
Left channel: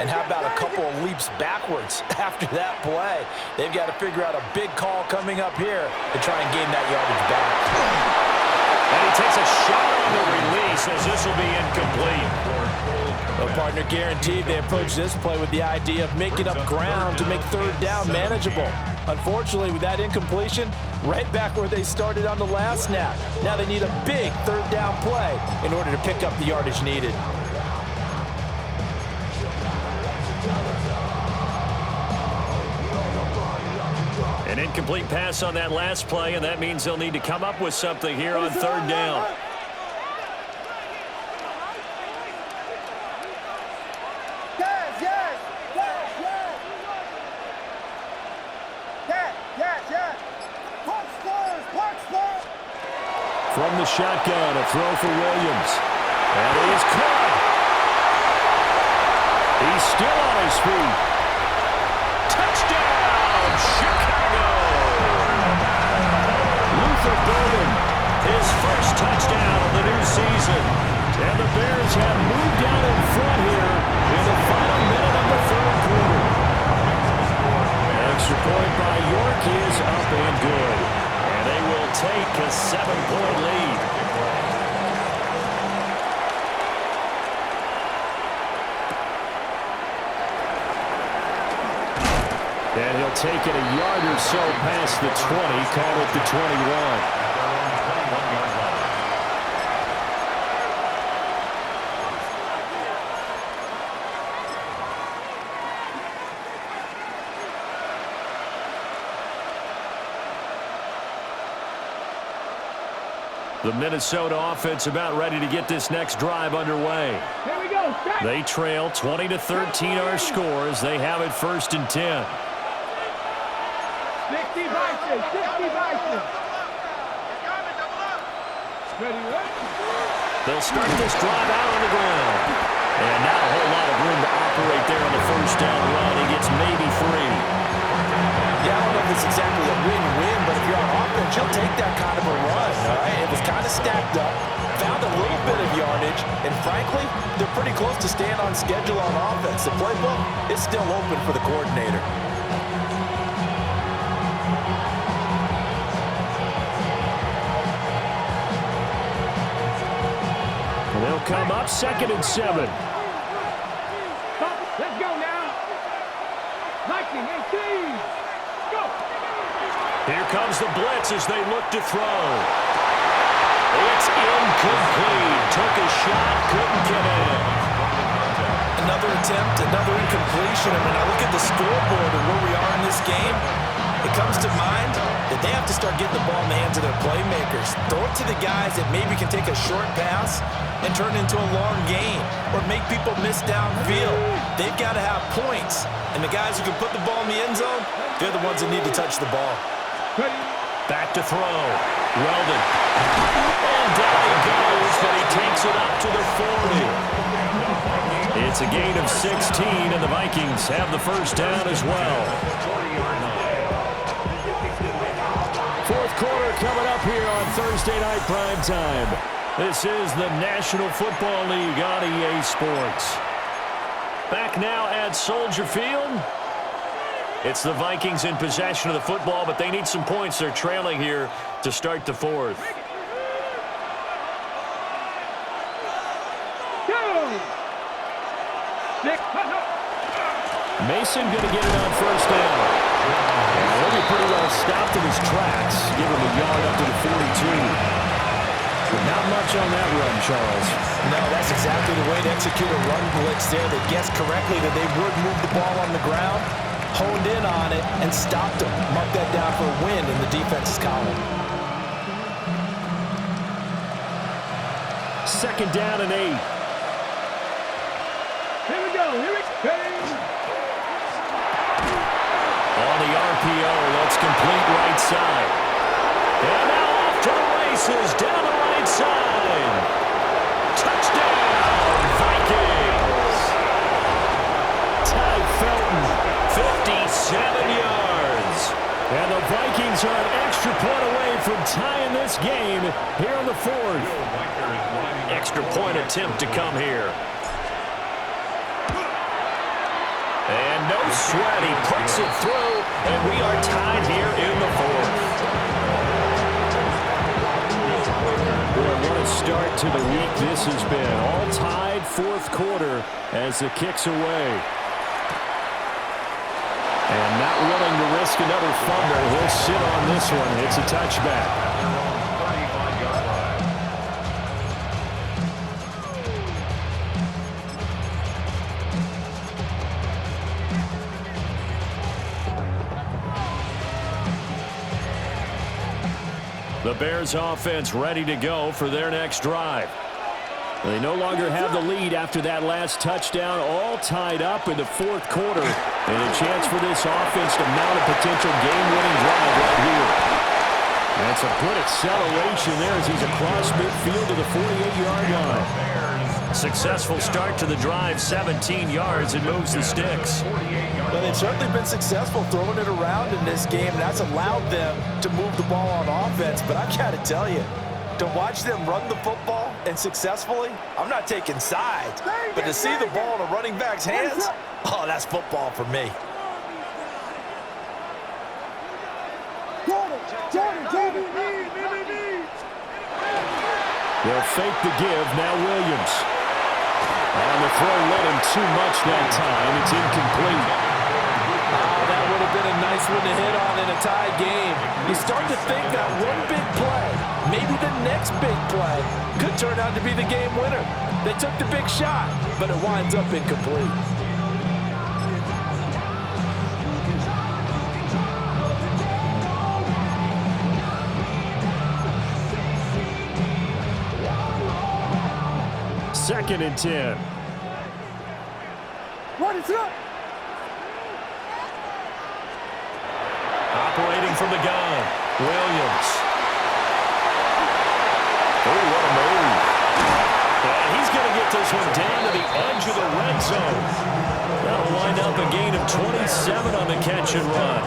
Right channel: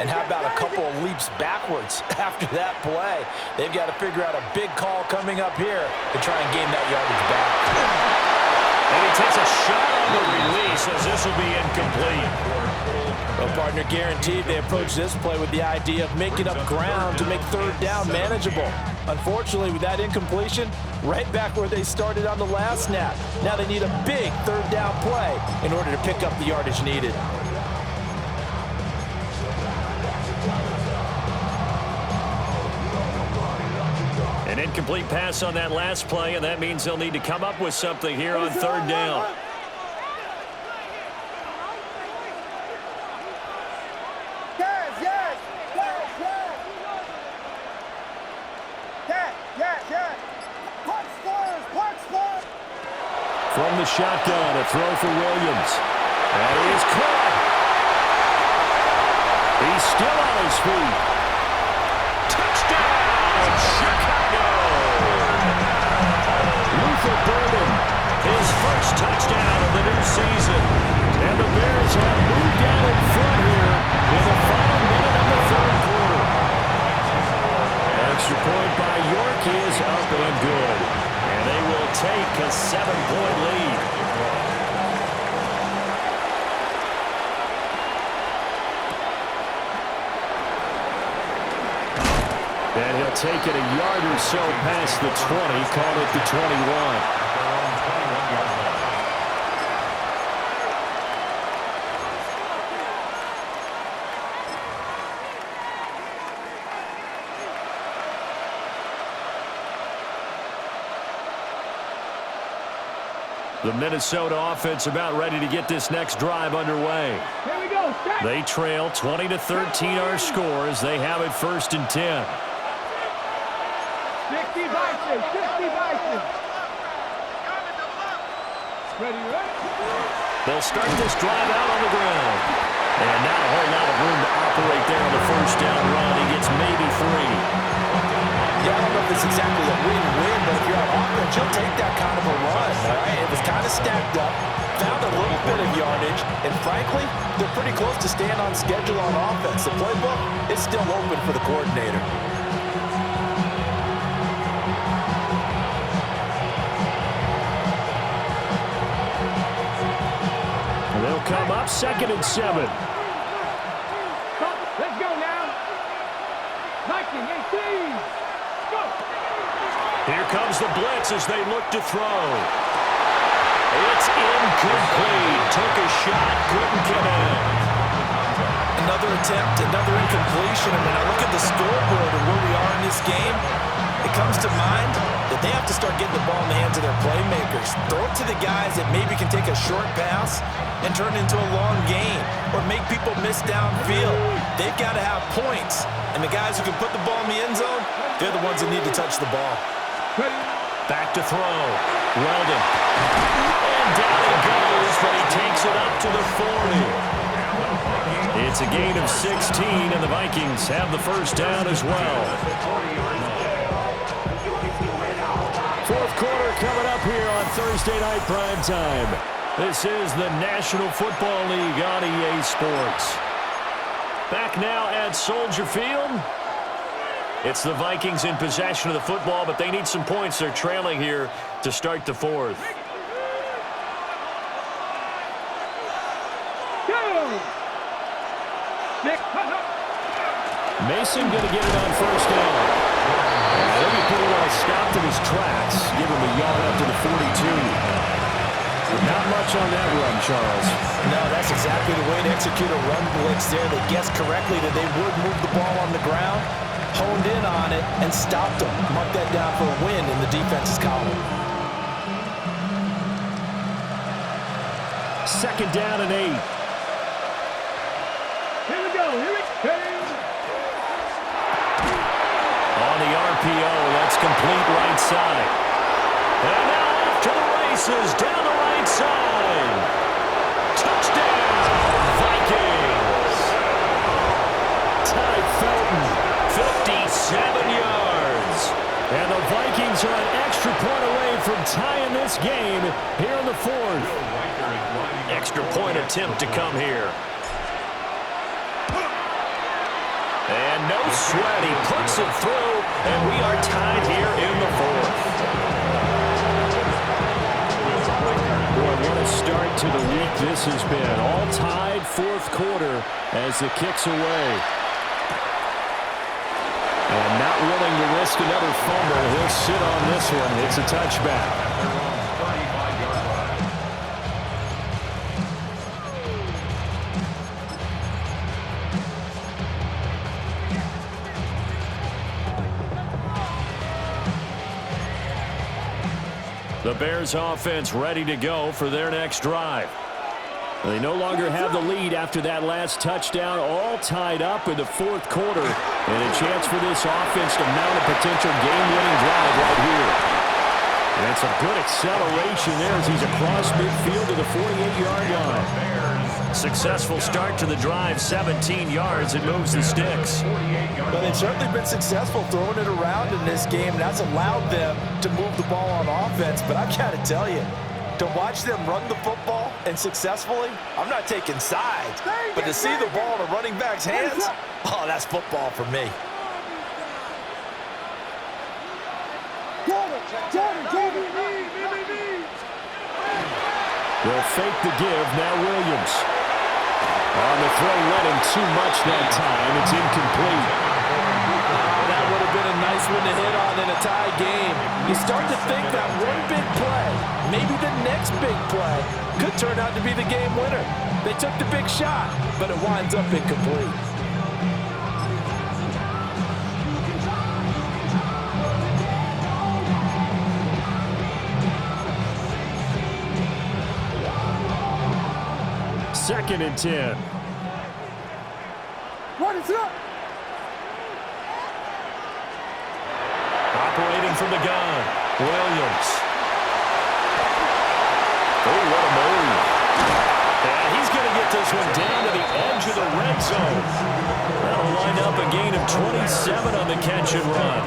and how about a couple of leaps backwards after that play? They've got to figure out a big call coming up here to try and gain that yardage back. And he takes a shot on the release as this will be incomplete. Well, partner, guaranteed they approach this play with the idea of making up ground to make third down manageable. Unfortunately, with that incompletion, right back where they started on the last snap. Now they need a big third down play in order to pick up the yardage needed. An incomplete pass on that last play, and that means they'll need to come up with something here on third down. From the shotgun, a throw for Williams. And he is caught. He's still on his feet. Touchdown, Chicago! Luther Burden, his first touchdown of the new season. and the Bears have moved down in front here in the final minute of the third quarter. Extra point by York is up and good. And they will take a 7-point lead. And he'll take it a yard or so past the 20, call it the 21. The Minnesota offense about ready to get this next drive underway. Here we go. Set. They trail 20-13 our score as they have it 1st and 10. 60 Bison. 60 Bison. Ready, right? They'll start this drive out on the ground. And not a whole lot of room to operate there on the first down run. He gets maybe 3. Yeah, I don't know if it's exactly a win-win, but if you're on offense, you'll take that kind of a run, all right? It was kind of stacked up, found a little bit of yardage, and frankly, they're pretty close to staying on schedule on offense. The playbook is still open for the coordinator. come up 2nd and 7. Let's go now. 19-18. Go. Here comes the blitz as they look to throw. It's incomplete. Took a shot, couldn't connect. Another attempt, another incompletion. And when I look at the scoreboard and where we are in this game, it comes to mind that they have to start getting the ball in the hands of their playmakers. Throw it to the guys that maybe can take a short pass and turn it into a long gain or make people miss downfield. They've got to have points. And the guys who can put the ball in the end zone, they're the ones that need to touch the ball. Back to throw. Weldon. And down he goes, but he takes it up to the 40. It's a gain of 16, and the Vikings have the first down as well. Fourth quarter coming up here on Thursday Night Primetime. This is the National Football League on EA Sports. Back now at Soldier Field. It's the Vikings in possession of the football, but they need some points. They're trailing here to start the fourth. Mason going to get it on first down. And he'll be pretty well stopped in his tracks. Give him a yard up to the 42. Not much on that run, Charles. No, that's exactly the way to execute a run blitz there. They guessed correctly that they would move the ball on the ground, honed in on it, and stopped them. Mark that down for a win in the defense's column. 2nd down and 8. Here we go. Here it comes. On the RPO, that's complete right side. And now off to the races, down the right side. Touchdown, Vikings. Ty Felton, 57 yards. And the Vikings are an extra point away from tying this game here in the fourth. Extra point attempt to come here. And no sweat, he puts it through, and we are tied here in the fourth. Boy, what a start to the week this has been. All tied fourth quarter as the kick's away. And not willing to risk another fumble. He'll sit on this one. It's a touchback. At their own 35-yard line. The Bears offense ready to go for their next drive. They no longer have the lead after that last touchdown, all tied up in the fourth quarter, and a chance for this offense to mount a potential game-winning drive right here. And it's a good acceleration there as he's across midfield to the 48-yard line. Successful start to the drive, 17 yards, and moves the sticks. But they've certainly been successful throwing it around in this game, and that's allowed them to move the ball on offense. But I've got to tell you, to watch them run the football and successfully, I'm not taking sides. But to see the ball in a running back's hands, oh, that's football for me. They'll fake the give. Now Williams. On the throw, led him too much that time. It's incomplete. Oh, that would have been a nice one to hit on in a tie game. You start to think that one big play, maybe the next big play, could turn out to be the game winner. They took the big shot, but it winds up incomplete. Second and 10. What is up? Operating from the gun, Williams. Oh, what a move. And he's going to get this one down to the edge of the red zone. That'll wind up a gain of 27 on the catch and run.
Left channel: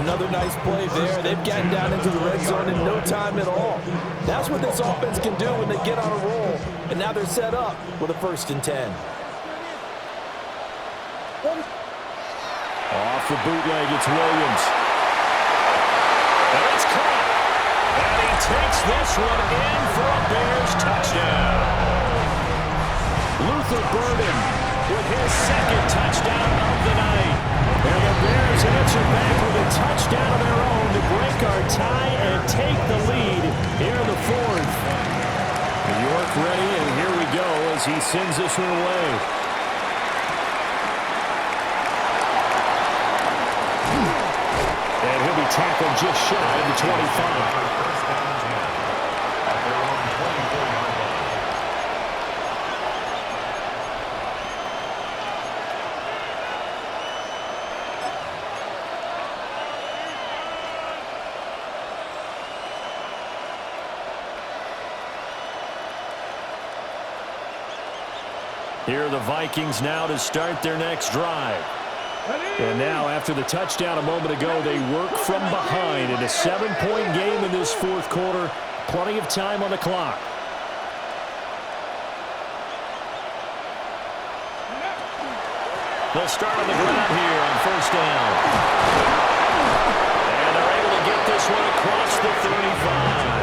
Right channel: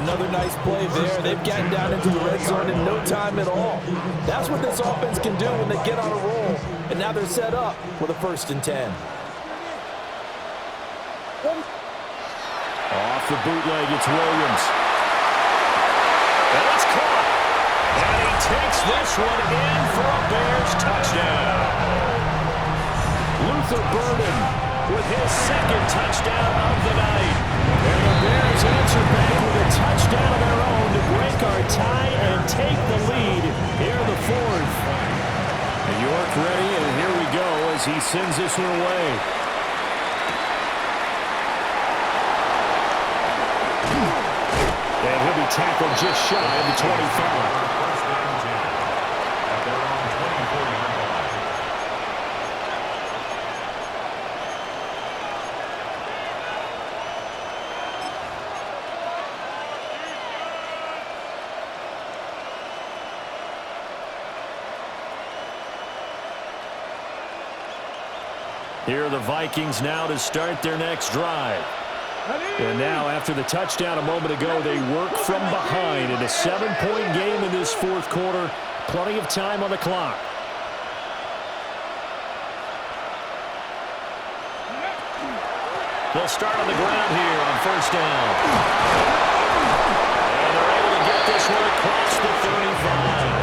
Another nice play there. They've gotten down into the red zone in no time at all. That's what this offense can do when they get on a roll. And now they're set up with a 1st and 10. Off the bootleg, it's Williams. And it's caught. And he takes this one in for a Bears touchdown. Luther Burden with his second touchdown of the night. And the Bears answer back with a touchdown of their own to break our tie and take the lead here in the fourth. New York ready, and here we go as he sends this one away. And he'll be tackled just shy of the 25. First down 10 at their own 24-yard line. Here are the Vikings now to start their next drive. And now, after the touchdown a moment ago, they work from behind in a 7-point game in this fourth quarter. Plenty of time on the clock. They'll start on the ground here on first down. And they're able to get this one across the 35.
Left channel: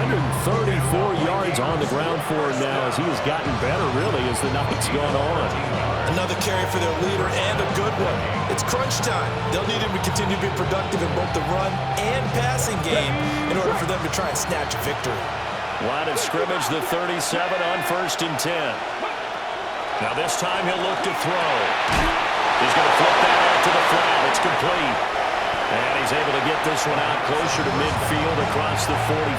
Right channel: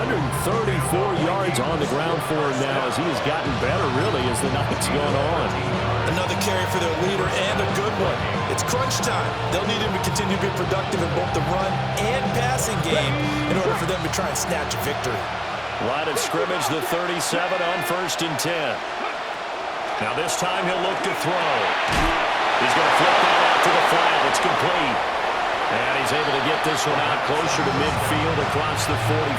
134 yards on the ground for him now as he has gotten better, really, as the night's gone on. Another carry for their leader, and a good one. It's crunch time. They'll need him to continue to be productive in both the run and passing game in order for them to try and snatch a victory. Line of scrimmage, the 37 on first and 10. Now this time he'll look to throw. He's going to flip that out to the flat. It's complete. And he's able to get this one out closer to midfield across the 45.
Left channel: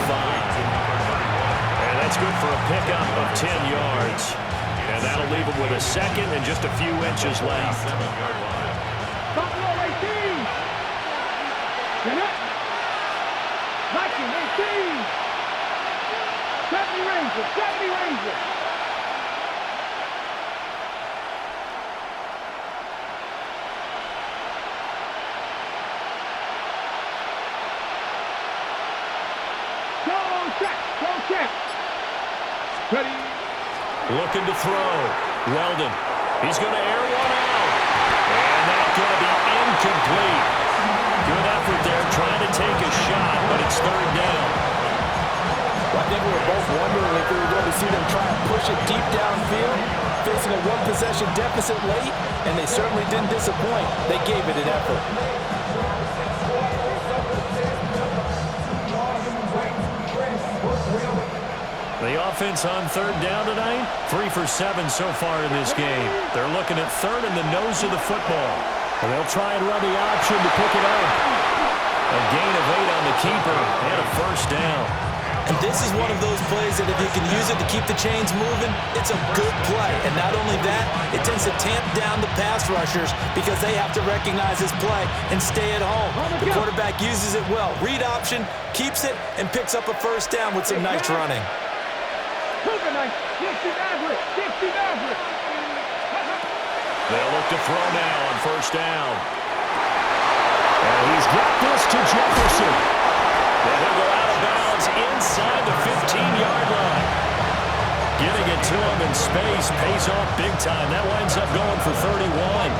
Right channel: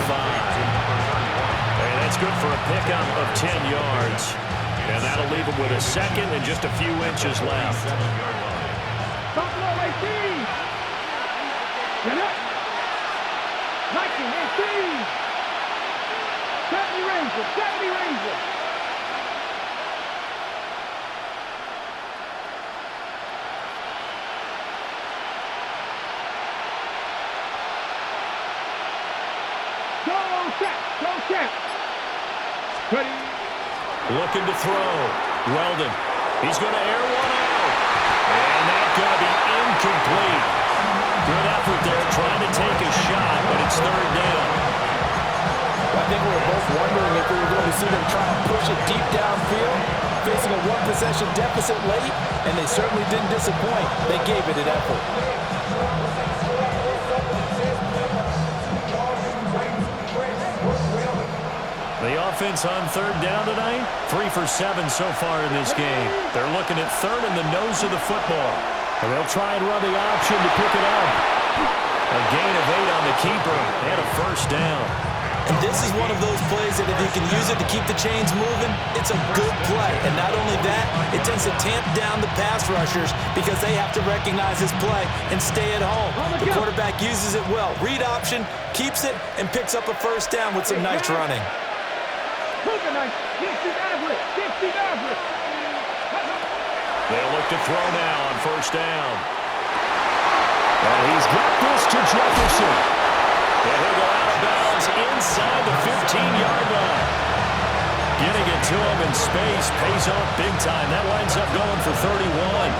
And that's good for a pickup of 10 yards. And that'll leave him with a second and just a few inches left. Buffalo 18. Get up. Viking 18. 70 Rangers. 70 Rangers. Go check. Go check. Ready. Looking to throw. Weldon. He's going to air one out. And that's going to be incomplete. Good effort there trying to take a shot, but it's third down. I think we were both wondering if we were going to see them try and push it deep downfield, facing a one-possession deficit late, and they certainly didn't disappoint. They gave it an effort. The offense on third down tonight, 3 for 7 so far in this game. They're looking at third in the nose of the football. And they'll try and run the option to pick it up. A gain of 8 on the keeper and a first down. And this is one of those plays that if you can use it to keep the chains moving, it's a good play. And not only that, it tends to tamp down the pass rushers because they have to recognize this play and stay at home. The quarterback uses it well. Read option, keeps it, and picks up a first down with some nice running. They'll look to throw now on first down. And he's got this to Jefferson. And he'll go out of bounds inside the 15-yard line. Getting it to him in space pays off big time. That winds up going for 31.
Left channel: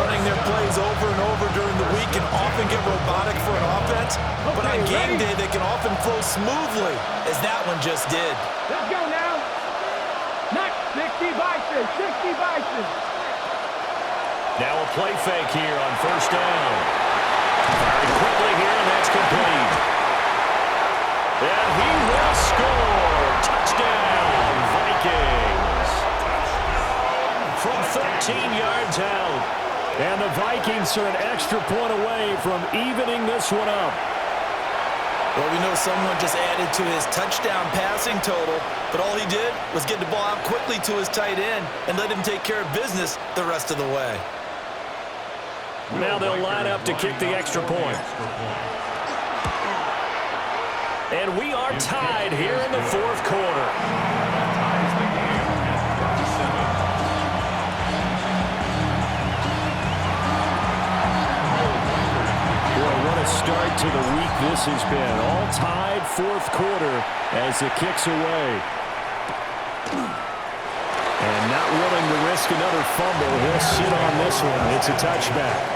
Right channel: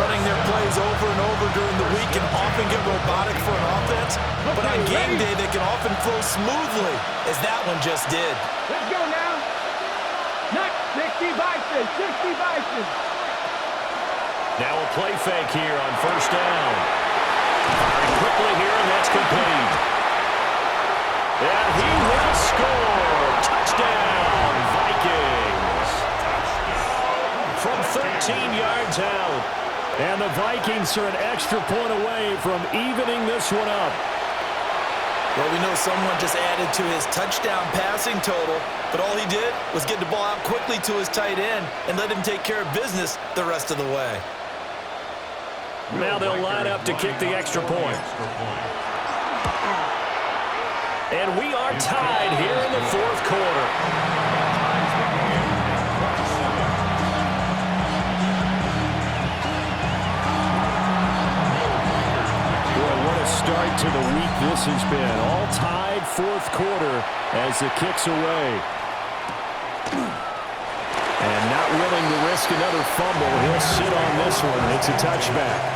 Running their plays over and over during the week can often get robotic for an offense, but on game day they can often flow smoothly, as that one just did. Let's go now. Not 60 Bison, 60 Bison. Now a play fake here on first down. Firing quickly here, and that's complete. And he will score. Touchdown, Vikings. From 13 yards out. And the Vikings are an extra point away from evening this one up. Well, we know someone just added to his touchdown passing total, but all he did was get the ball out quickly to his tight end and let him take care of business the rest of the way. Now they'll line up to kick the extra point. And we are tied here in the fourth quarter. Ties the game at 27. Boy, what a start to the week this has been. All tied fourth quarter as the kick's away. And not willing to risk another fumble. He'll sit on this one. It's a touchback.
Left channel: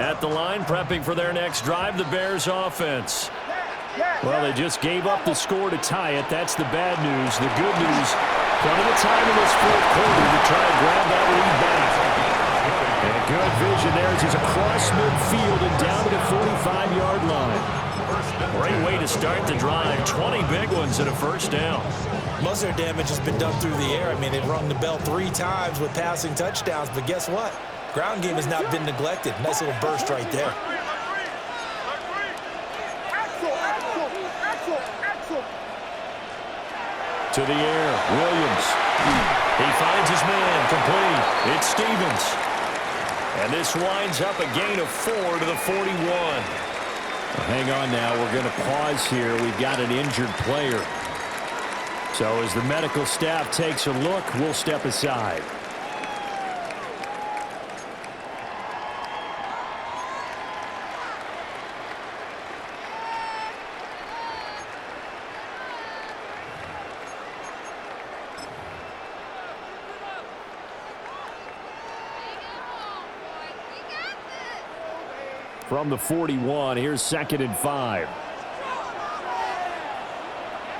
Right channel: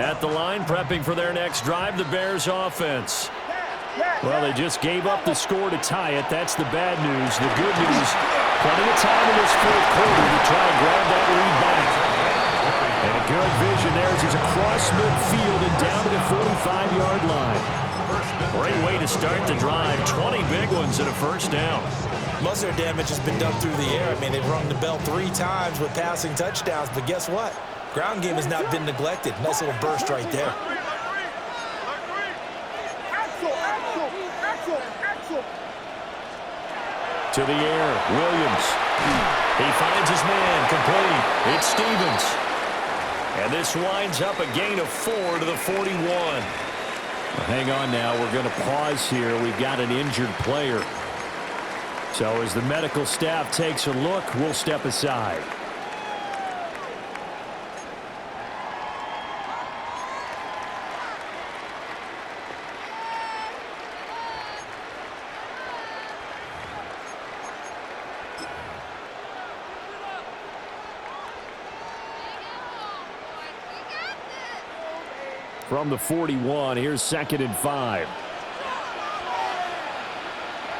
At the line, prepping for their next drive, the Bears offense. Well, they just gave up the score to tie it. That's the bad news. The good news, plenty of time in this fourth quarter to try and grab that lead back. And good vision there as he's across midfield and down to the 45-yard line. Great way to start the drive. 20 big ones and a first down. Most of their damage has been done through the air. I mean, they've rung the bell 3 times with passing touchdowns, but guess what? Ground game has not been neglected. Nice little burst right there. To the air, Williams. He finds his man, complete. It's Stevens. And this winds up a gain of 4 to the 41. Well, hang on now. We're going to pause here. We've got an injured player. So as the medical staff takes a look, we'll step aside. From the 41, here's 2nd and 5.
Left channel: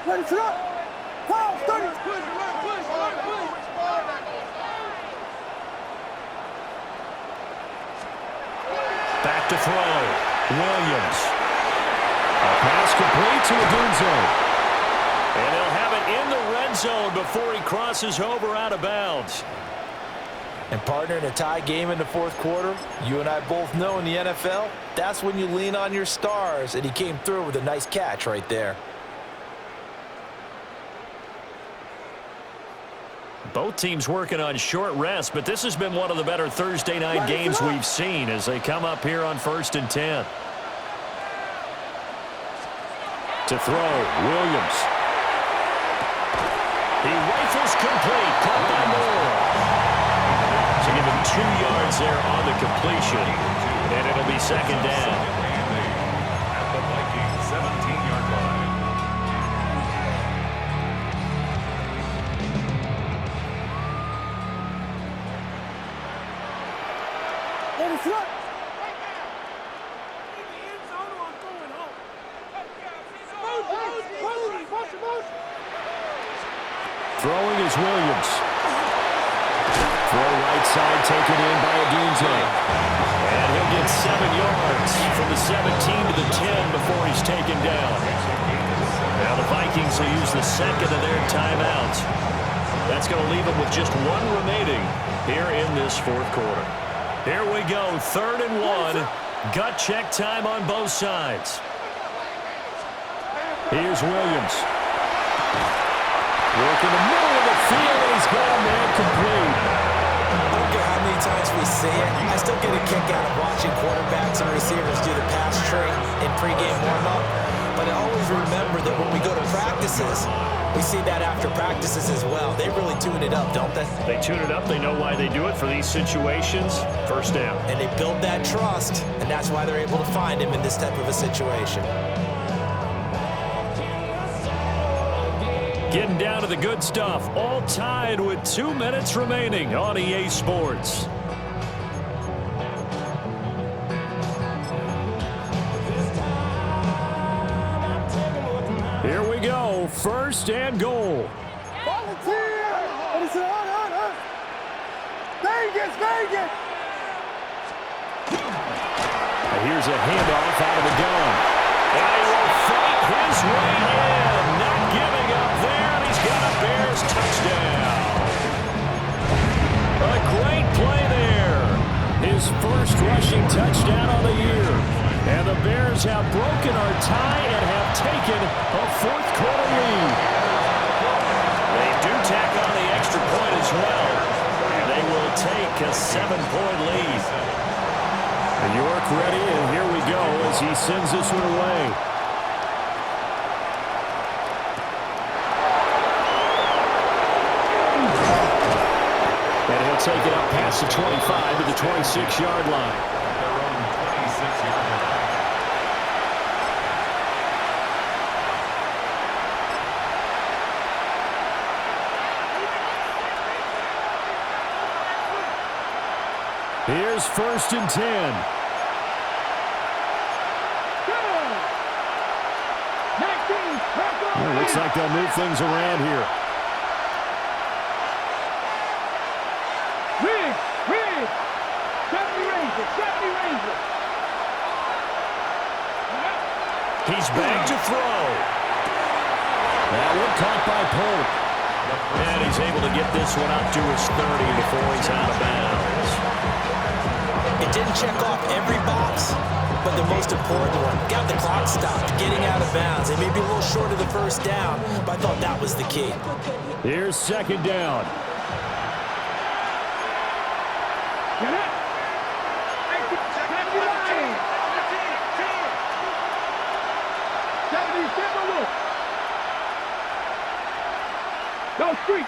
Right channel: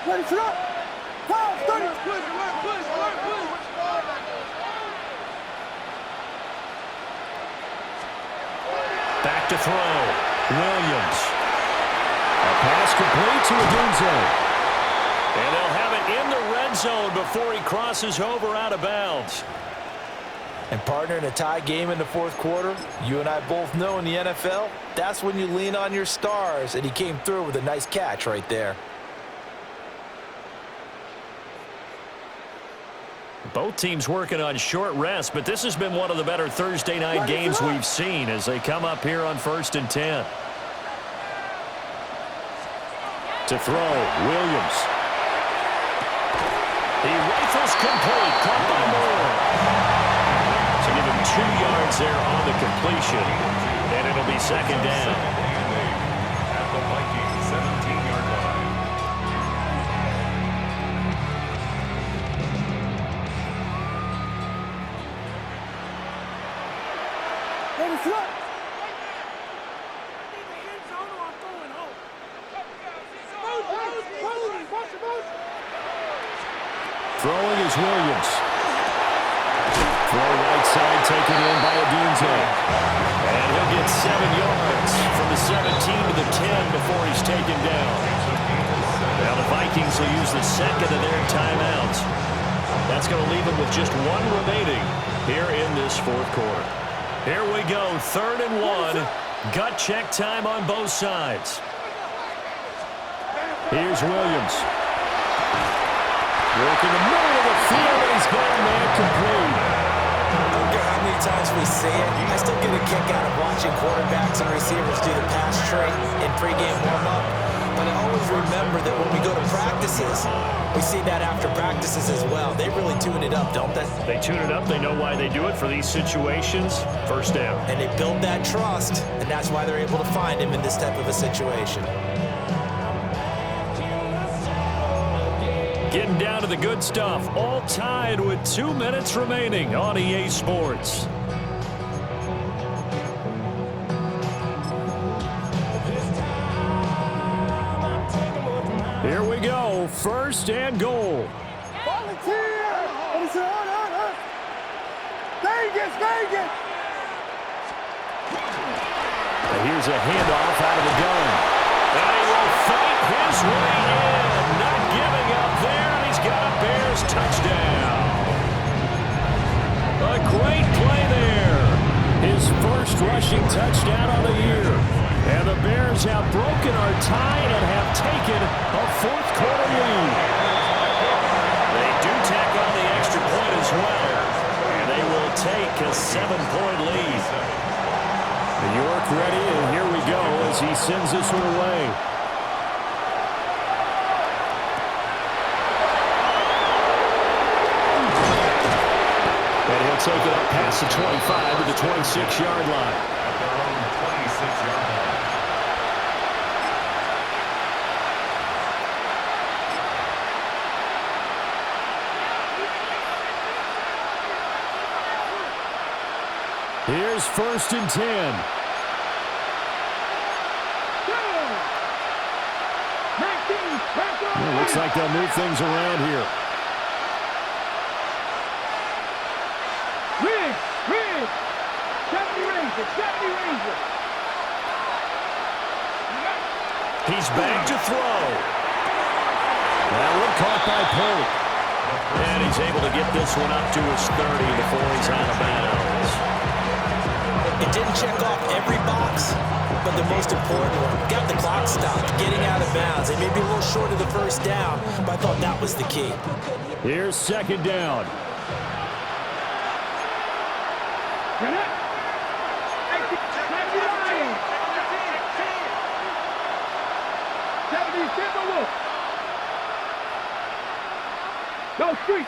Ready, sit up. Back to throw. Williams. A pass complete to Adunze. And they'll have it in the red zone before he crosses over out of bounds. And partner, in a tie game in the fourth quarter, you and I both know in the NFL, that's when you lean on your stars, and he came through with a nice catch right there. Both teams working on short rest, but this has been one of the better Thursday night games we've seen as they come up here on 1st and 10. To throw, Williams. He rifles complete, caught by Moore. So give him 2 yards there on the completion, and it'll be 2nd down. At the Vikings 17-yard line. Throwing is Williams. Throw right side taken in by Adunze. And he'll get 7 yards from the 17 to the 10 before he's taken down. Now the Vikings will use the second of their timeouts. That's going to leave them with just 1 remaining here in this fourth quarter. Here we go, 3rd and 1. Gut check time on both sides. Here's Williams. Work in the middle of the field, and he's got a man complete. I don't care how many times we see it, I still get a kick out of watching quarterbacks and receivers do the pass trait in pregame warm-up. But I always remember that when we go to practices, we see that after practices as well. They really tune it up, don't they? They tune it up. They know why they do it for these situations. First down. And they build that trust, and that's why they're able to find him in this type of a situation. Getting down to the good stuff. All tied with 2 minutes remaining on EA Sports. Here we go. 1st and goal. Volunteer! Vegas, Vegas! Here's a handoff out of the gun. And he will fight his way in. Not giving up there, and he's got a Bears touchdown. A great play there. His first rushing touchdown on the year. And the Bears have broken our tie and have taken a fourth quarter lead. They do tack on the extra point as well. And they will take a 7-point lead. York ready, and here we go as he sends this one away. And he'll take it up past the 25 to the 26-yard line. At their own 26-yard line. Here's 1st and 10. Looks like they'll move things around here. Riggs. 70 Rangers. He's back to throw. That one caught by Polk. And he's able to get this one up to his 30 before he's out of bounds. It didn't check off every box, but the most important one. Got the clock stopped, getting out of bounds. They may be a little short of the first down, but I thought that was the key. Here's second down. Get it. 70 Timberwolves. Go street.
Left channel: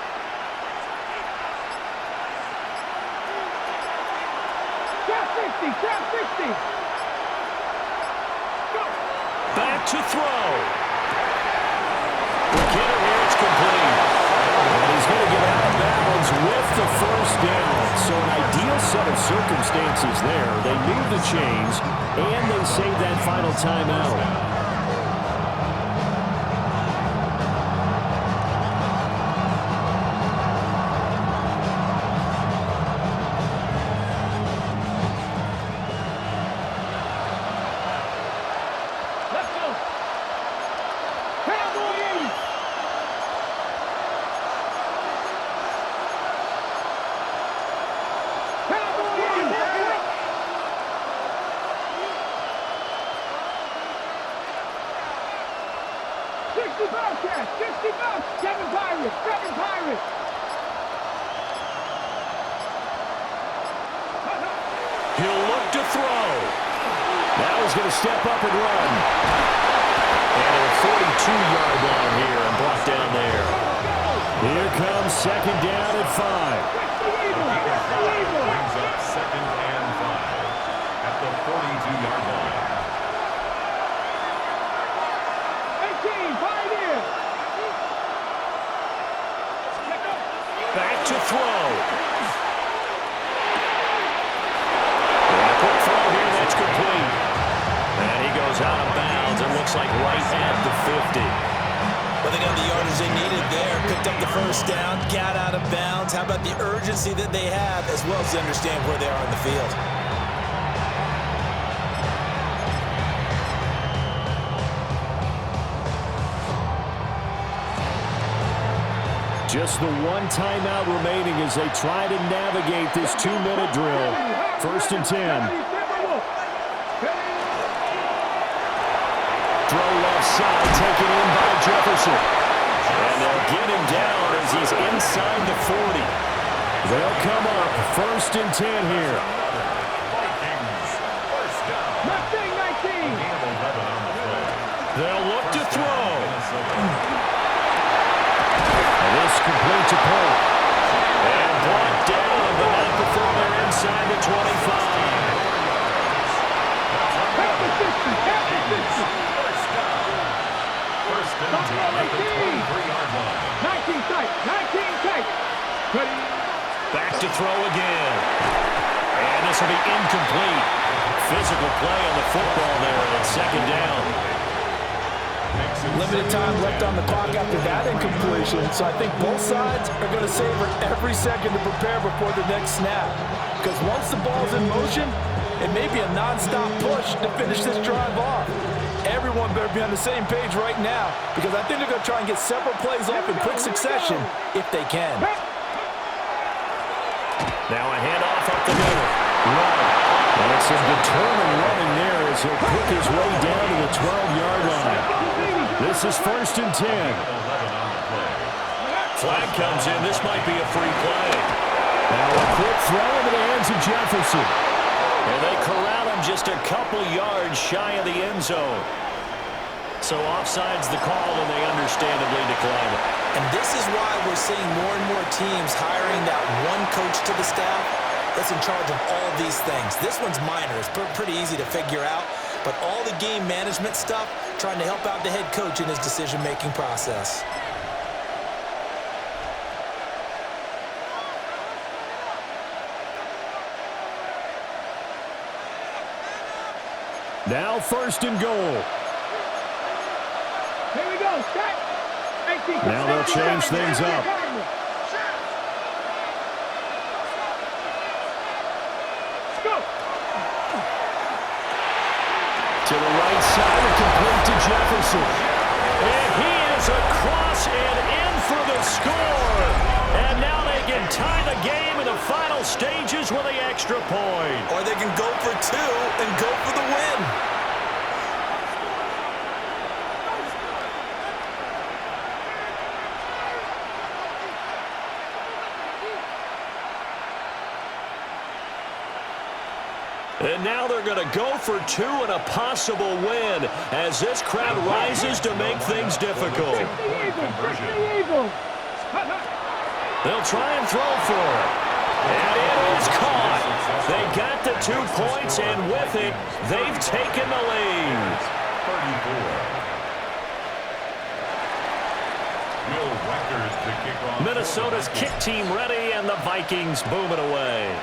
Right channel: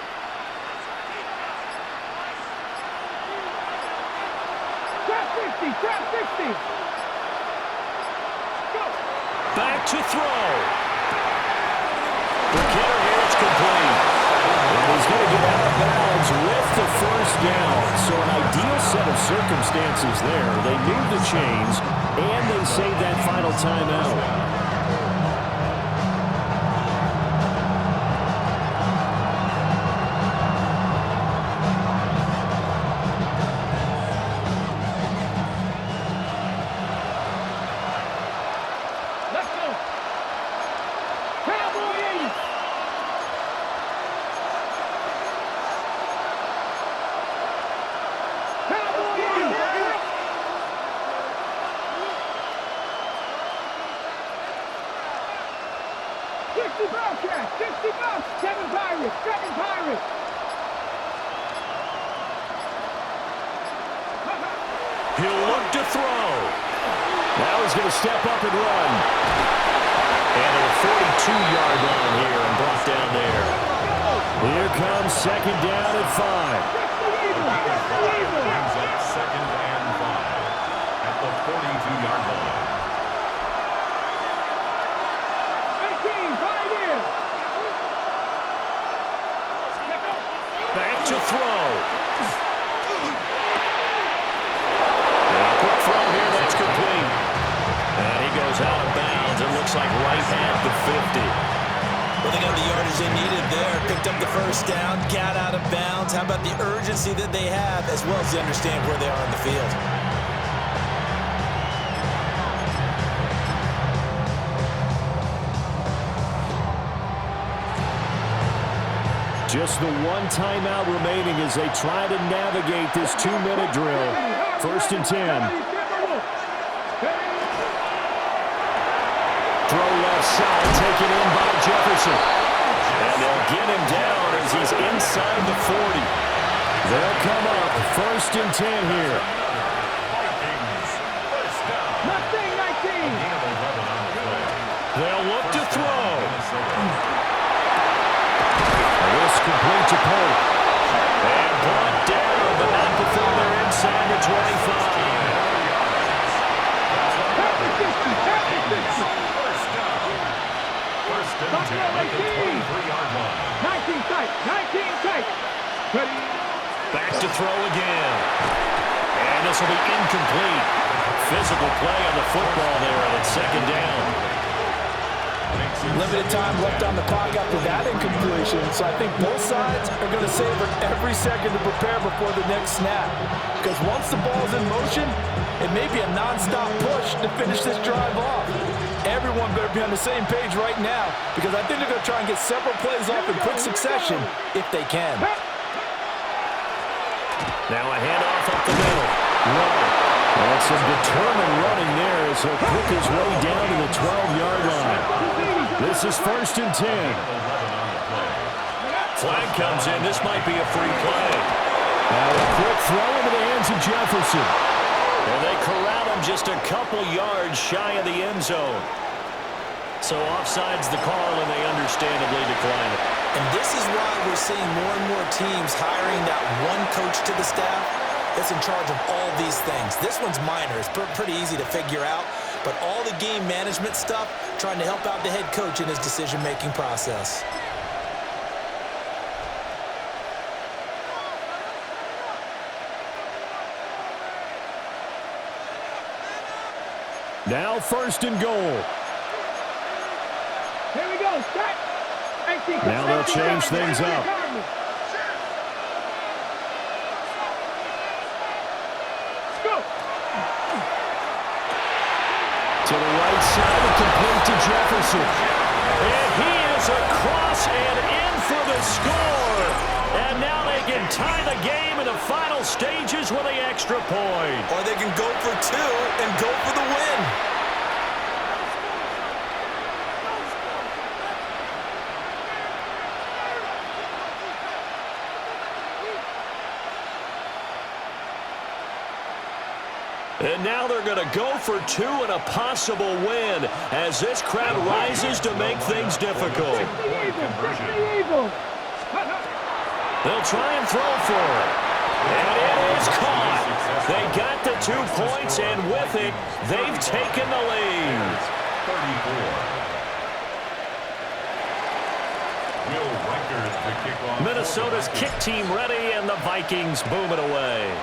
Trap 60. Go. Back to throw. The kidder here, it's complete. And he's going to get out of bounds with the first down. So an ideal set of circumstances there. They move the chains, and they save that final timeout. Kevin Pirates. He'll look to throw. Now he's going to step up and run. And at a 42-yard line here and brought down there. Here comes second down at 5. Brings up second and 5 at the 42-yard line. 18, 5 in. Back to throw. And a quick throw here, that's complete. And he goes out of bounds. It looks like right at the 50. Well, they got the yardage they needed there. Picked up the first down, got out of bounds. How about the urgency that they have, as well as they understand where they are in the field? Just the one timeout remaining as they try to navigate this 2-minute drill. First and 10. Throw left side, taken in by Jefferson. And they'll get him down as he's inside the 40. They'll come up first and 10 here. Vikings, first down. Mustang 19. Gain of 11 on the play. They'll look to throw. And this complete to Polk. And brought down, but not before they're inside the 25. First and 10 at the 23-yard line. 19 tight. Ready. Back to throw again. And this will be incomplete. Physical play on the football there, and it's second down. Limited time left on the clock after that incompletion, so I think both sides are going to savor every second to prepare before the next snap. Because once the ball's in motion, it may be a non-stop push to finish this drive off. Everyone better be on the same page right now, because I think they're going to try and get several plays off in quick succession if they can. Now a handoff up the middle. Run. And some determined running there as he'll pick his way down to the 12-yard line. This is first and 10. Flag comes in. This might be a free play. Now a quick throw into the hands of Jefferson. And they corral him just a couple yards shy of the end zone. So offside's the call, and they understandably decline it. And this is why we're seeing more and more teams hiring that one coach to the staff that's in charge of all these things. This one's minor. It's pretty easy to figure out. But all the game management stuff, trying to help out the head coach in his decision-making process. Now first and goal. Here we go. Set. Now they'll change things up. To the right side and complete to Jefferson. And he is across and in for the score. And now they can tie the game in the final stages with the extra point. Or they can go for two and go for the win. And now they're going to go for two and a possible win as this crowd rises to make things difficult. They'll try and throw for it. And it is caught. They got the 2 points, and with it, they've taken the lead. 34. Minnesota's kick team ready, and the Vikings boom it away.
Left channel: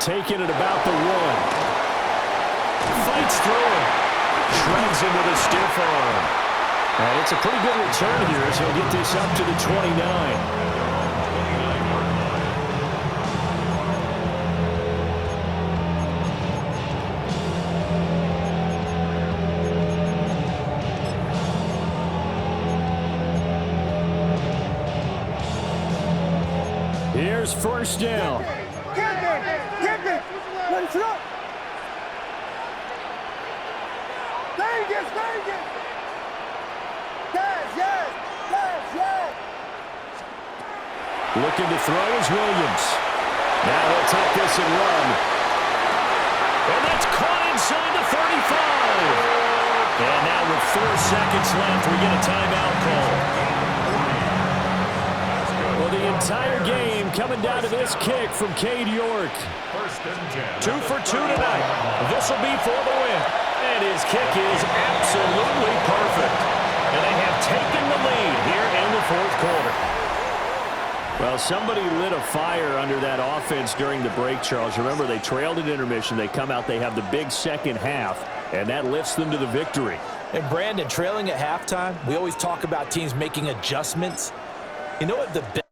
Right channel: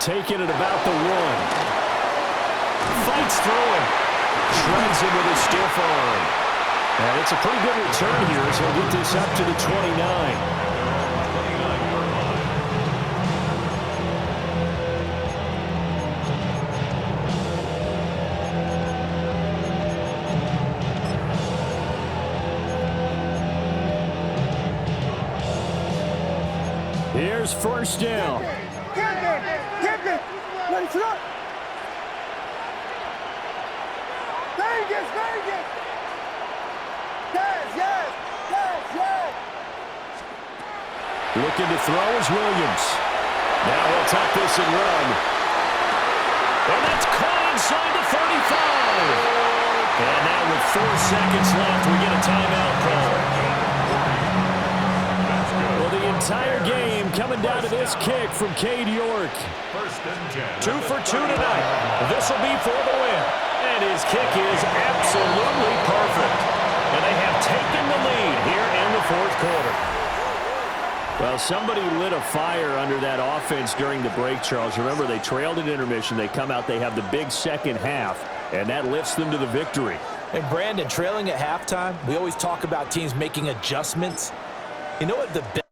Taking it about the 1. Fights through him. Shreds him with a stiff arm. And it's a pretty good return here as he'll get this up to the 29. Here's first down. Let's up. Vegas, Vegas. Yes. Looking to throw is Williams. Now he'll tuck this and run. And that's caught inside the 35. And now with 4 seconds left, we get a timeout call. Well, the entire game coming down to this kick from Cade York. 2 for 2 tonight. This will be for the win. And his kick is absolutely perfect. And they have taken the lead here in the 4th quarter. Well, somebody lit a fire under that offense during the break, Charles. Remember, they trailed at intermission. They come out, they have the big second half, and that lifts them to the victory. And Brandon, trailing at halftime, we always talk about teams making adjustments. You know what the